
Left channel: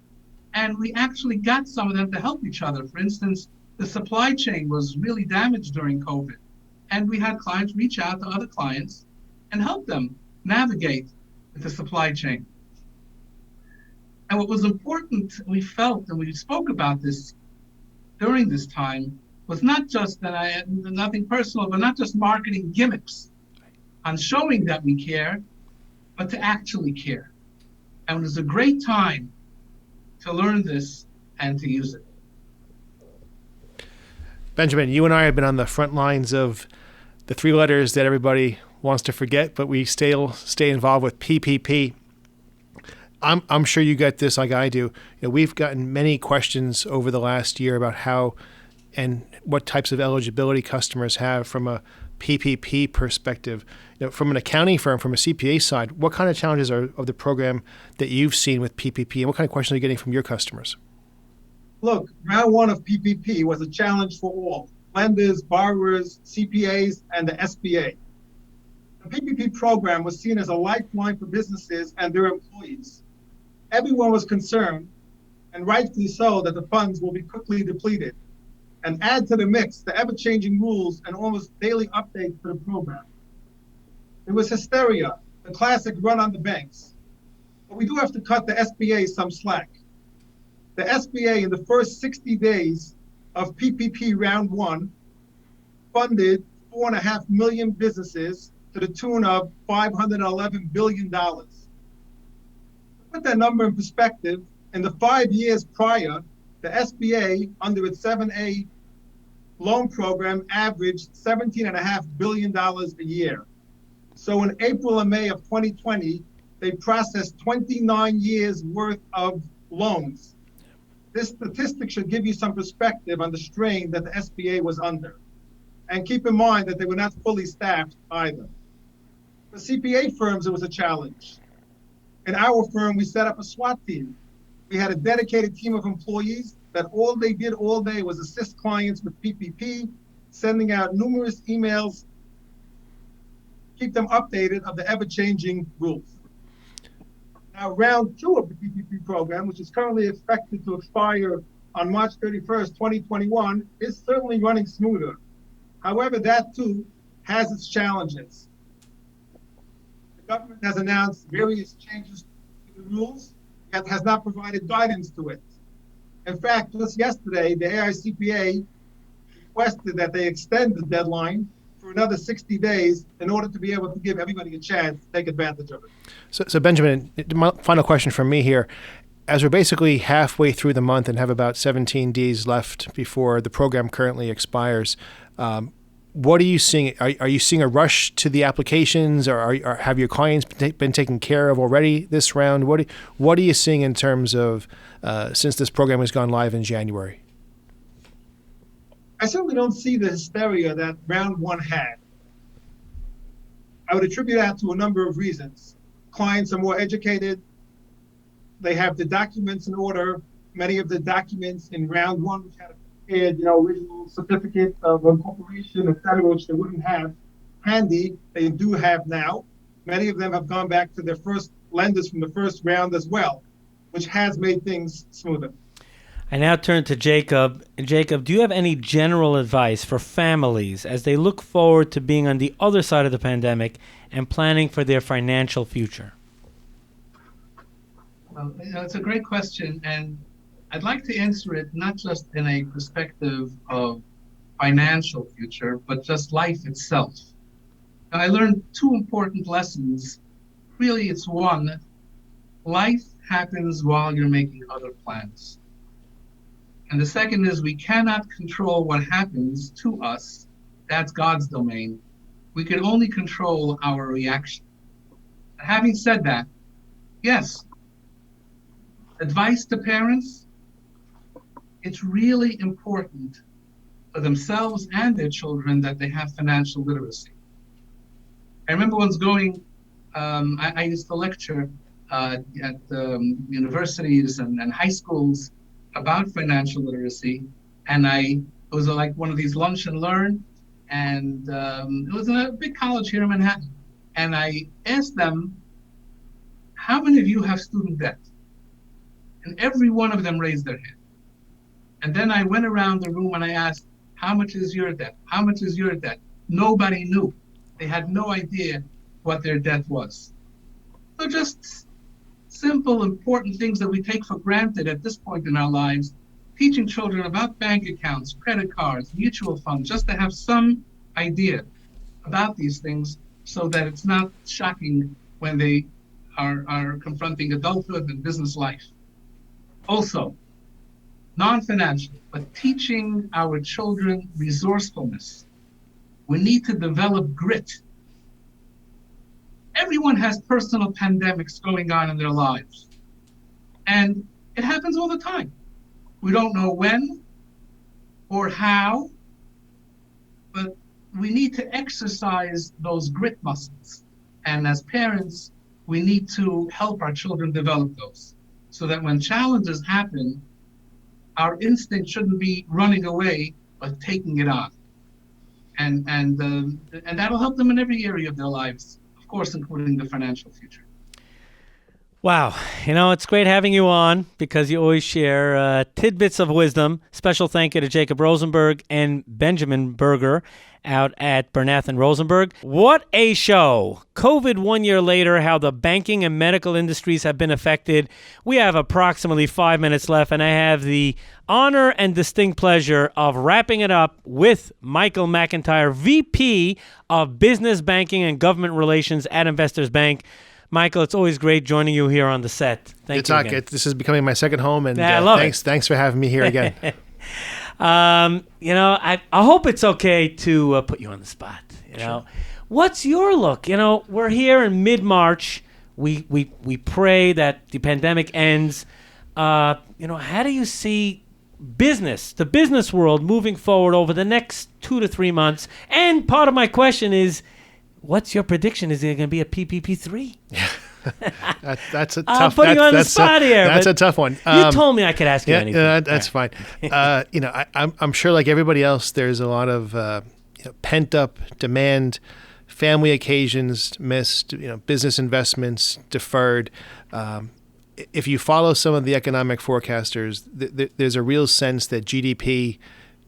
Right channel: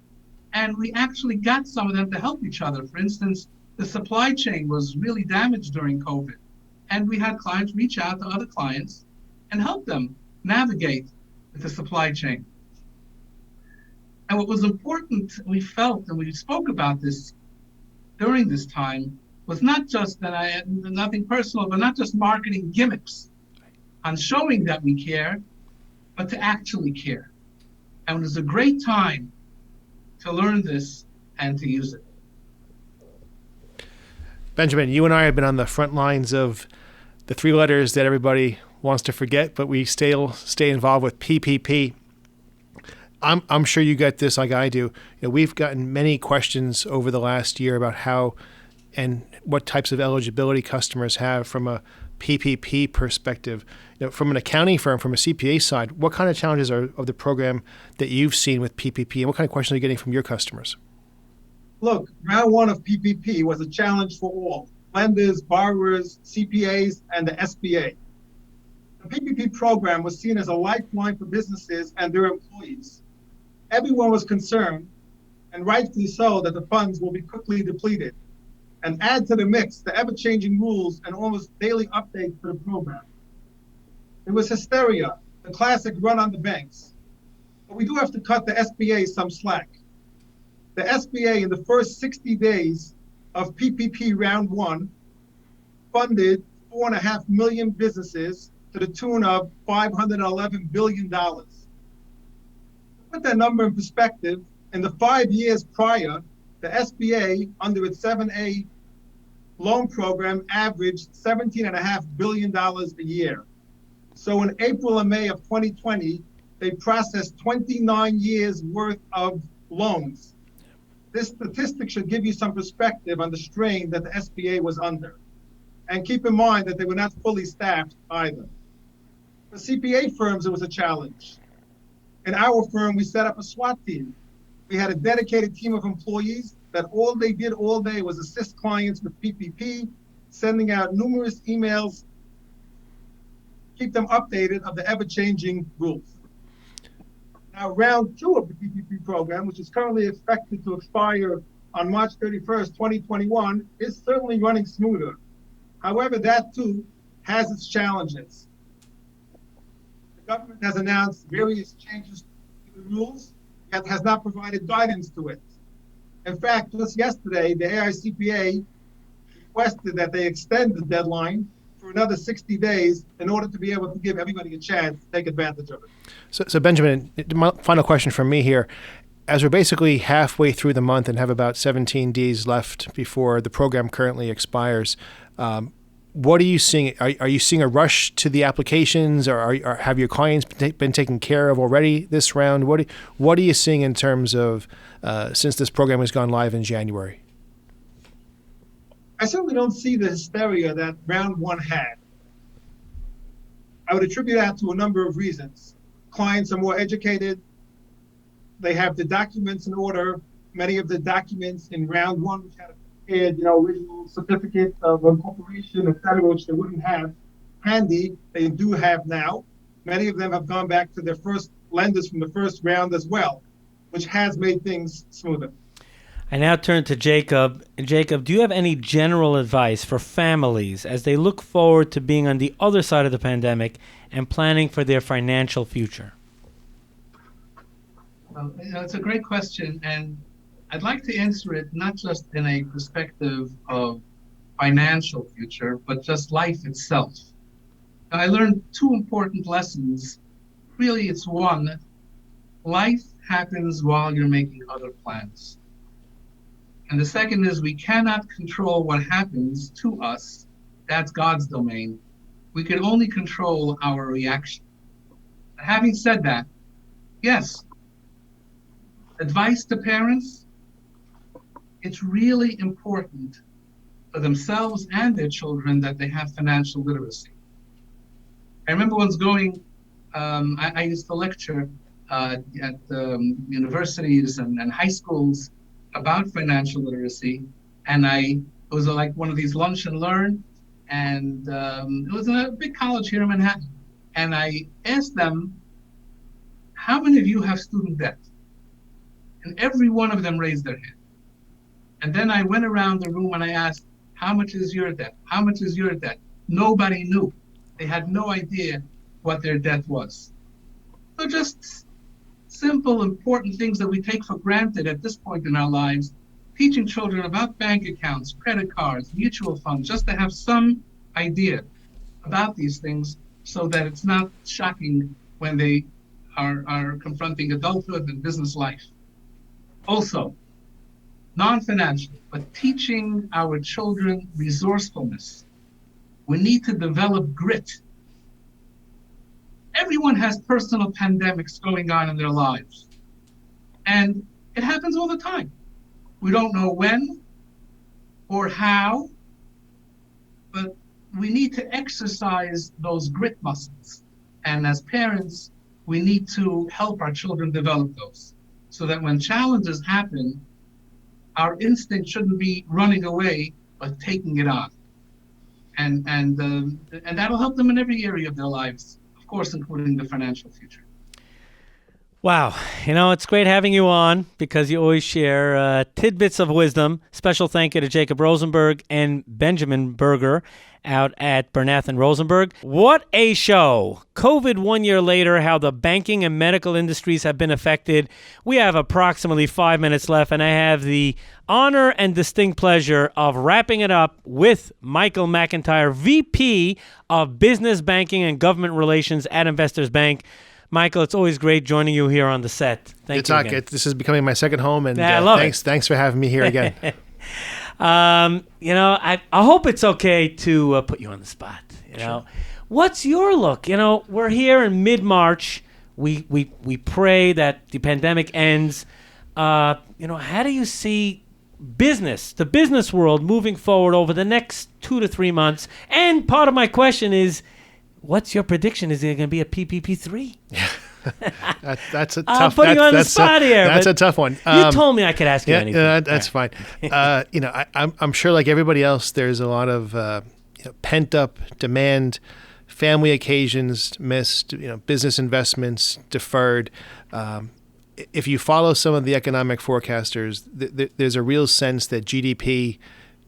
and we actually got some of them to help each other. For instance, the supply chain was really damaged during COVID, and we had clients reach out to other clients and help them navigate the supply chain. And what was important, we felt, and we spoke about this during this time, was not just that I had nothing personal, but not just marketing gimmicks on showing that we care, but to actually care. And it was a great time to learn this and to use it. Benjamin, you and I have been on the front lines of the three letters that everybody wants to forget, but we still stay involved with PPP. I'm sure you get this like I do. We've gotten many questions over the last year about how and what types of eligibility customers have from a PPP perspective. From an accounting firm, from a CPA side, what kind of challenges are of the program that you've seen with PPP, and what kind of questions are you getting from your customers? Look, round one of PPP was a challenge for all: lenders, borrowers, CPAs, and the SBA. The PPP program was seen as a lifeline for businesses and their employees. Everyone was concerned, and rightfully so, that the funds will be quickly depleted. And add to the mix the ever-changing rules and almost daily updates to the program. It was hysteria, the classic run on the banks. But we do have to cut the SBA some slack. The SBA, in the first 60 days of PPP round one, funded 4.5 million businesses to the tune of $511 billion. To put that number in perspective, in the 5 years prior, the SBA, under its 7A loan program, averaged $17.5 billion a year. So in April and May of 2020, they processed 29 years worth of loans. This statistic should give you some perspective on the strain that the SBA was under. And keep in mind that they were not fully staffed either. For CPA firms, it was a challenge. In our firm, we set up a SWAT team. We had a dedicated team of employees that all they did all day was assist clients with PPP, sending out numerous emails, keep them updated of the ever-changing rules. Now, round two of the PPP program, which is currently expected to expire on March 31st, 2021, is certainly running smoother. However, that too has its challenges. The government has announced various changes to the rules, yet has not provided guidance to it. In fact, just yesterday, the AICPA requested that they extend the deadline for another 60 days in order to be able to give everybody a chance to take advantage of it. So Benjamin, my final question from me here. As we're basically halfway through the month and have about 17 days left before the program currently expires, what are you seeing? Are you seeing a rush to the applications, or have your clients been taken care of already this round? What are you seeing in terms of since this program has gone live in January? I certainly don't see the hysteria that round one had. I would attribute that to a number of reasons. Clients are more educated. They have the documents in order. Many of the documents in round one, which had prepared, original certificate of incorporation, et cetera, which they wouldn't have handy, they do have now. Many of them have gone back to their first lenders from the first round as well, which has made things smoother. I now turn to Jacob. Jacob, do you have any general advice for families as they look forward to being on the other side of the pandemic and planning for their financial future? Well, it's a great question, and I'd like to answer it not just in a perspective of financial future, but just life itself. Now, I learned two important lessons. Really, it's one, life happens while you're making other plans. And the second is we cannot control what happens to us. That's God's domain. We can only control our reaction. Having said that, yes, advice to parents, it's really important for themselves and their children that they have financial literacy. I remember once going, I used to lecture at universities and high schools about financial literacy, and it was like one of these lunch and learn, and it was a big college here in Manhattan, and I asked them, how many of you have student debt? And every one of them raised their hand. And then I went around the room and I asked, how much is your debt? How much is your debt? Nobody knew. They had no idea what their debt was. So just simple, important things that we take for granted at this point in our lives, teaching children about bank accounts, credit cards, mutual funds, just to have some idea about these things so that it's not shocking when they are confronting adulthood and business life. Also, non-financial, but teaching our children resourcefulness. We need to develop grit. Everyone has personal pandemics going on in their lives. And it happens all the time. We don't know when or how, but we need to exercise those grit muscles. And as parents, we need to help our children develop those so that when challenges happen, our instinct shouldn't be running away, but taking it on. And that'll help them in every area of their lives, of course, including the financial future. Wow. It's great having you on because you always share tidbits of wisdom. Special thank you to Jacob Rosenberg and Benjamin Berger out at Bernath and Rosenberg. What a show. COVID 1 year later, how the banking and medical industries have been affected. We have approximately 5 minutes left, and I have the honor and distinct pleasure of wrapping it up with Michael MacIntyre, VP of Business Banking and Government Relations at Investors Bank. Michael, it's always great joining you here on the set. Thank you again. This is becoming my second home, and I love it. Thanks for having me here again. I hope it's okay to put you on the spot. Sure. What's your look? We're here in mid-March. We pray that the pandemic ends. How do you see the business world moving forward over the next 2 to 3 months? And part of my question is, what's your prediction? Is there going to be a PPP3? That's a tough. I'm putting you on the spot here. That's a tough one. You told me I could ask you anything. That's fine. I'm sure, like everybody else, there's a lot of pent up demand, family occasions missed, business investments deferred. If you follow some of the economic forecasters, there's a real sense that GDP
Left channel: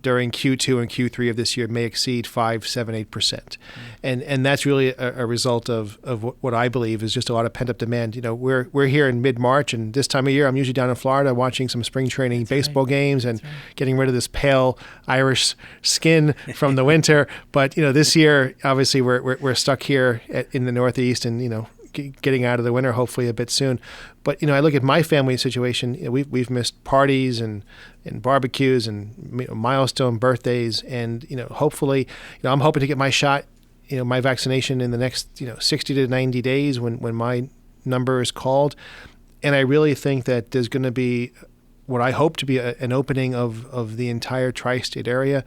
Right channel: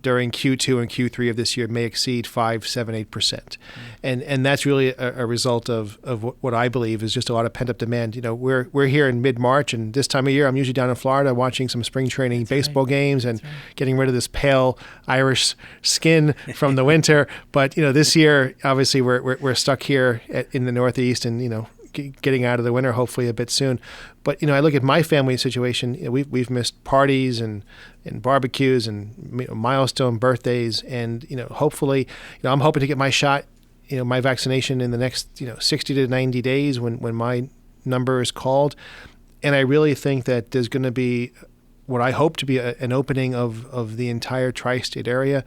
during Q2 and Q3 of this year may exceed 5%, 7%, 8%. And that's really a result of what I believe is just a lot of pent-up demand. We're here in mid-March, and this time of year, I'm usually down in Florida watching some spring training baseball games and getting rid of this pale Irish skin from the winter. But, this year, obviously, we're stuck here in the Northeast and, getting out of the winter hopefully a bit soon. But I look at my family situation. We've missed parties and barbecues and milestone birthdays, and hopefully I'm hoping to get my shot, my vaccination in the next 60 to 90 days when my number is called. And I really think that there's going to be what I hope to be an opening of the entire tri-state area.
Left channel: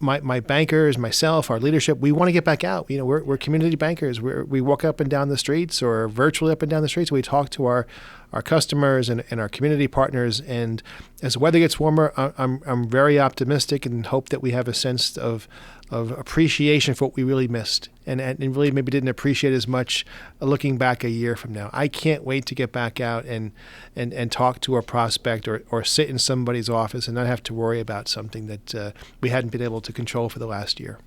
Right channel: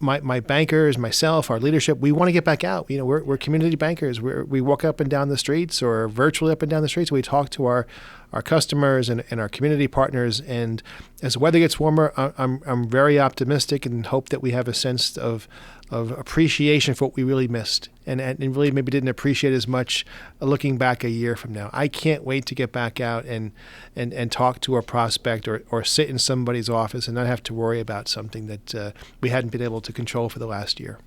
My bankers, myself, our leadership, we want to get back out. We're community bankers. We walk up and down the streets or virtually up and down the streets. We talk to our our customers and our community partners. And as the weather gets warmer, I'm very optimistic and hope that we have a sense of appreciation for what we really missed and really maybe didn't appreciate as much looking back a year from now. I can't wait to get back out and talk to a prospect or sit in somebody's office and not have to worry about something that we hadn't been able to control for the last year.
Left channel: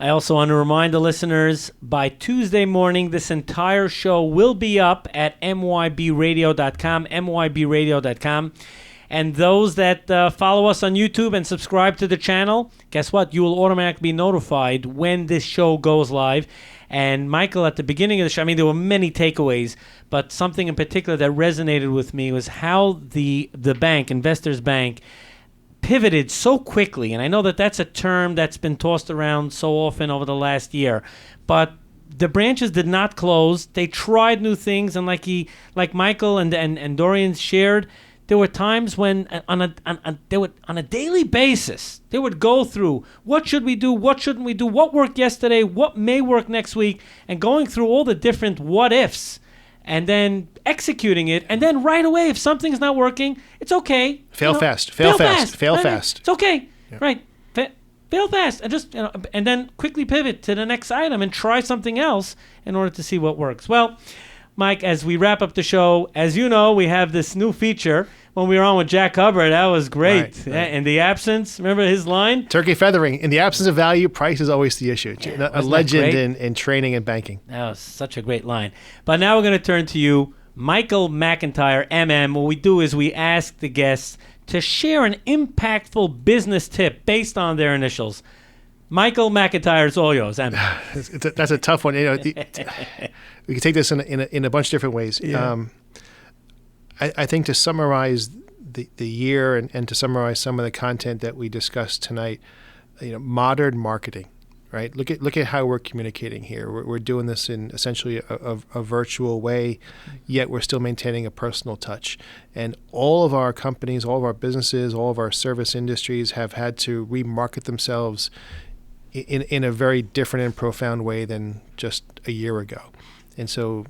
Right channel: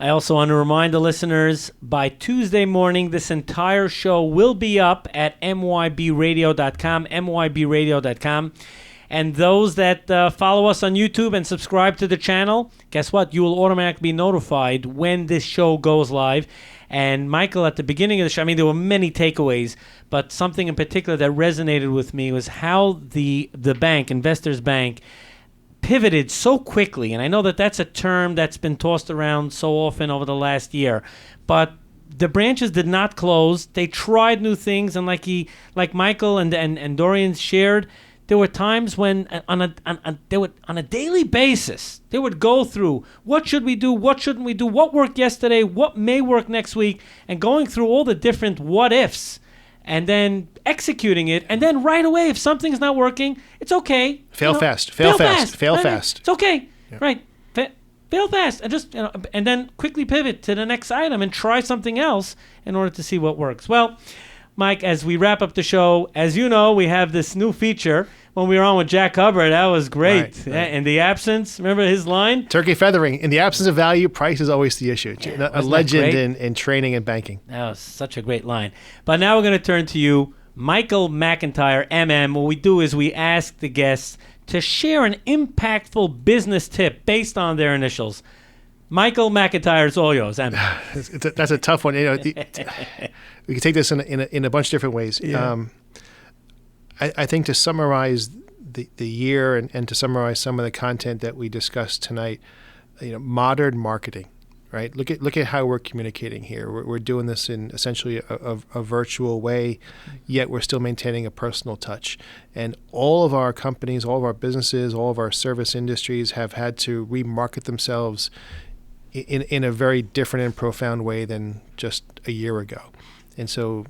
I also want to remind the listeners, by Tuesday morning, this entire show will be up at mybradio.com, mybradio.com. And those that follow us on YouTube and subscribe to the channel, guess what? You will automatically be notified when this show goes live. And Michael, at the beginning of the show, I mean, there were many takeaways, but something in particular that resonated with me was how the bank, Investors Bank, pivoted so quickly. And I know that that's a term that's been tossed around so often over the last year, but the branches did not close. They tried new things, and like Michael and Dorian shared, there were times when on a daily basis they would go through what should we do, what shouldn't we do, what worked yesterday, what may work next week, and going through all the different what ifs, and then executing it, and then right away, if something's not working, it's okay. Fail fast. It's okay, yeah. Right? Fail fast, and just and then quickly pivot to the next item and try something else in order to see what works. Well, Mike, as we wrap up the show, as you know, we have this new feature. When we were on with Jack Hubbard, that was great. Right. In the absence, remember his line? Turkey feathering. In the absence of value, price is always the issue. Yeah, a legend in training and banking. That was such a great line. But now we're going to turn to you, Michael MacIntyre, MM. What we do is we ask the guests to share an impactful business tip based on their initials. Michael MacIntyre, it's all yours. That's a tough one. We can take this in a bunch of different ways. Yeah. I think to summarize the year and to summarize some of the content that we discussed tonight, modern marketing, right? Look at how we're communicating here. We're doing this in essentially a virtual way, yet we're still maintaining a personal touch. And all of our companies, all of our businesses, all of our service industries have had to remarket themselves in a very different and profound way than just a year ago. And so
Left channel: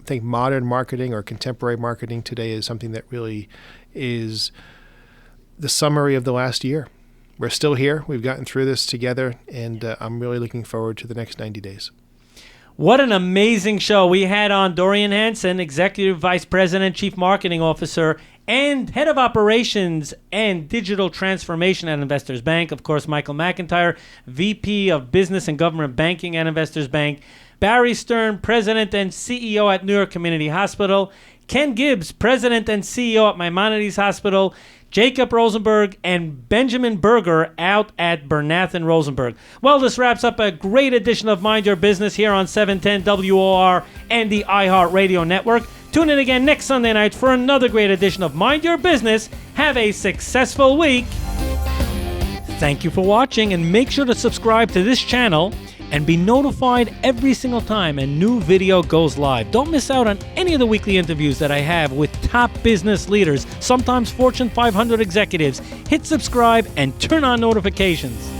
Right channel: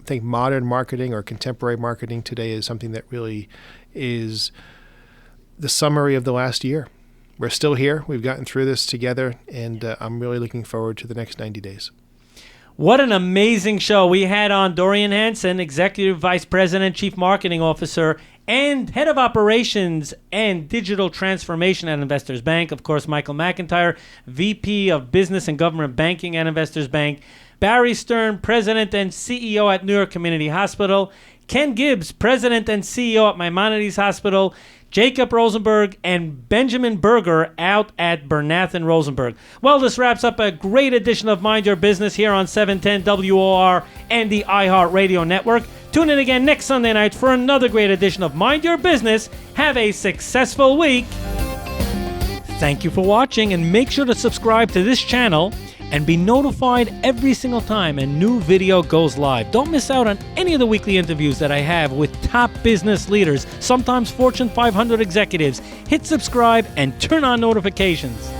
I think modern marketing or contemporary marketing today is something that really is the summary of the last year. We're still here. We've gotten through this together, and I'm really looking forward to the next 90 days. What an amazing show. We had on Dorian Hansen, Executive Vice President, Chief Marketing Officer, and Head of Operations and Digital Transformation at Investors Bank. Of course, Michael MacIntyre, VP of Business and Government Banking at Investors Bank. Barry Stern, President and CEO at New York Community Hospital. Ken Gibbs, President and CEO at Maimonides Hospital. Jacob Rosenberg and Benjamin Berger out at Bernath and Rosenberg. Well, this wraps up a great edition of Mind Your Business here on 710 WOR and the iHeartRadio network. Tune in again next Sunday night for another great edition of Mind Your Business. Have a successful week. Thank you for watching, and make sure to subscribe to this channel and be notified every single time a new video goes live. Don't miss out on any of the weekly interviews that I have with top business leaders, sometimes Fortune 500 executives. Hit subscribe and turn on notifications.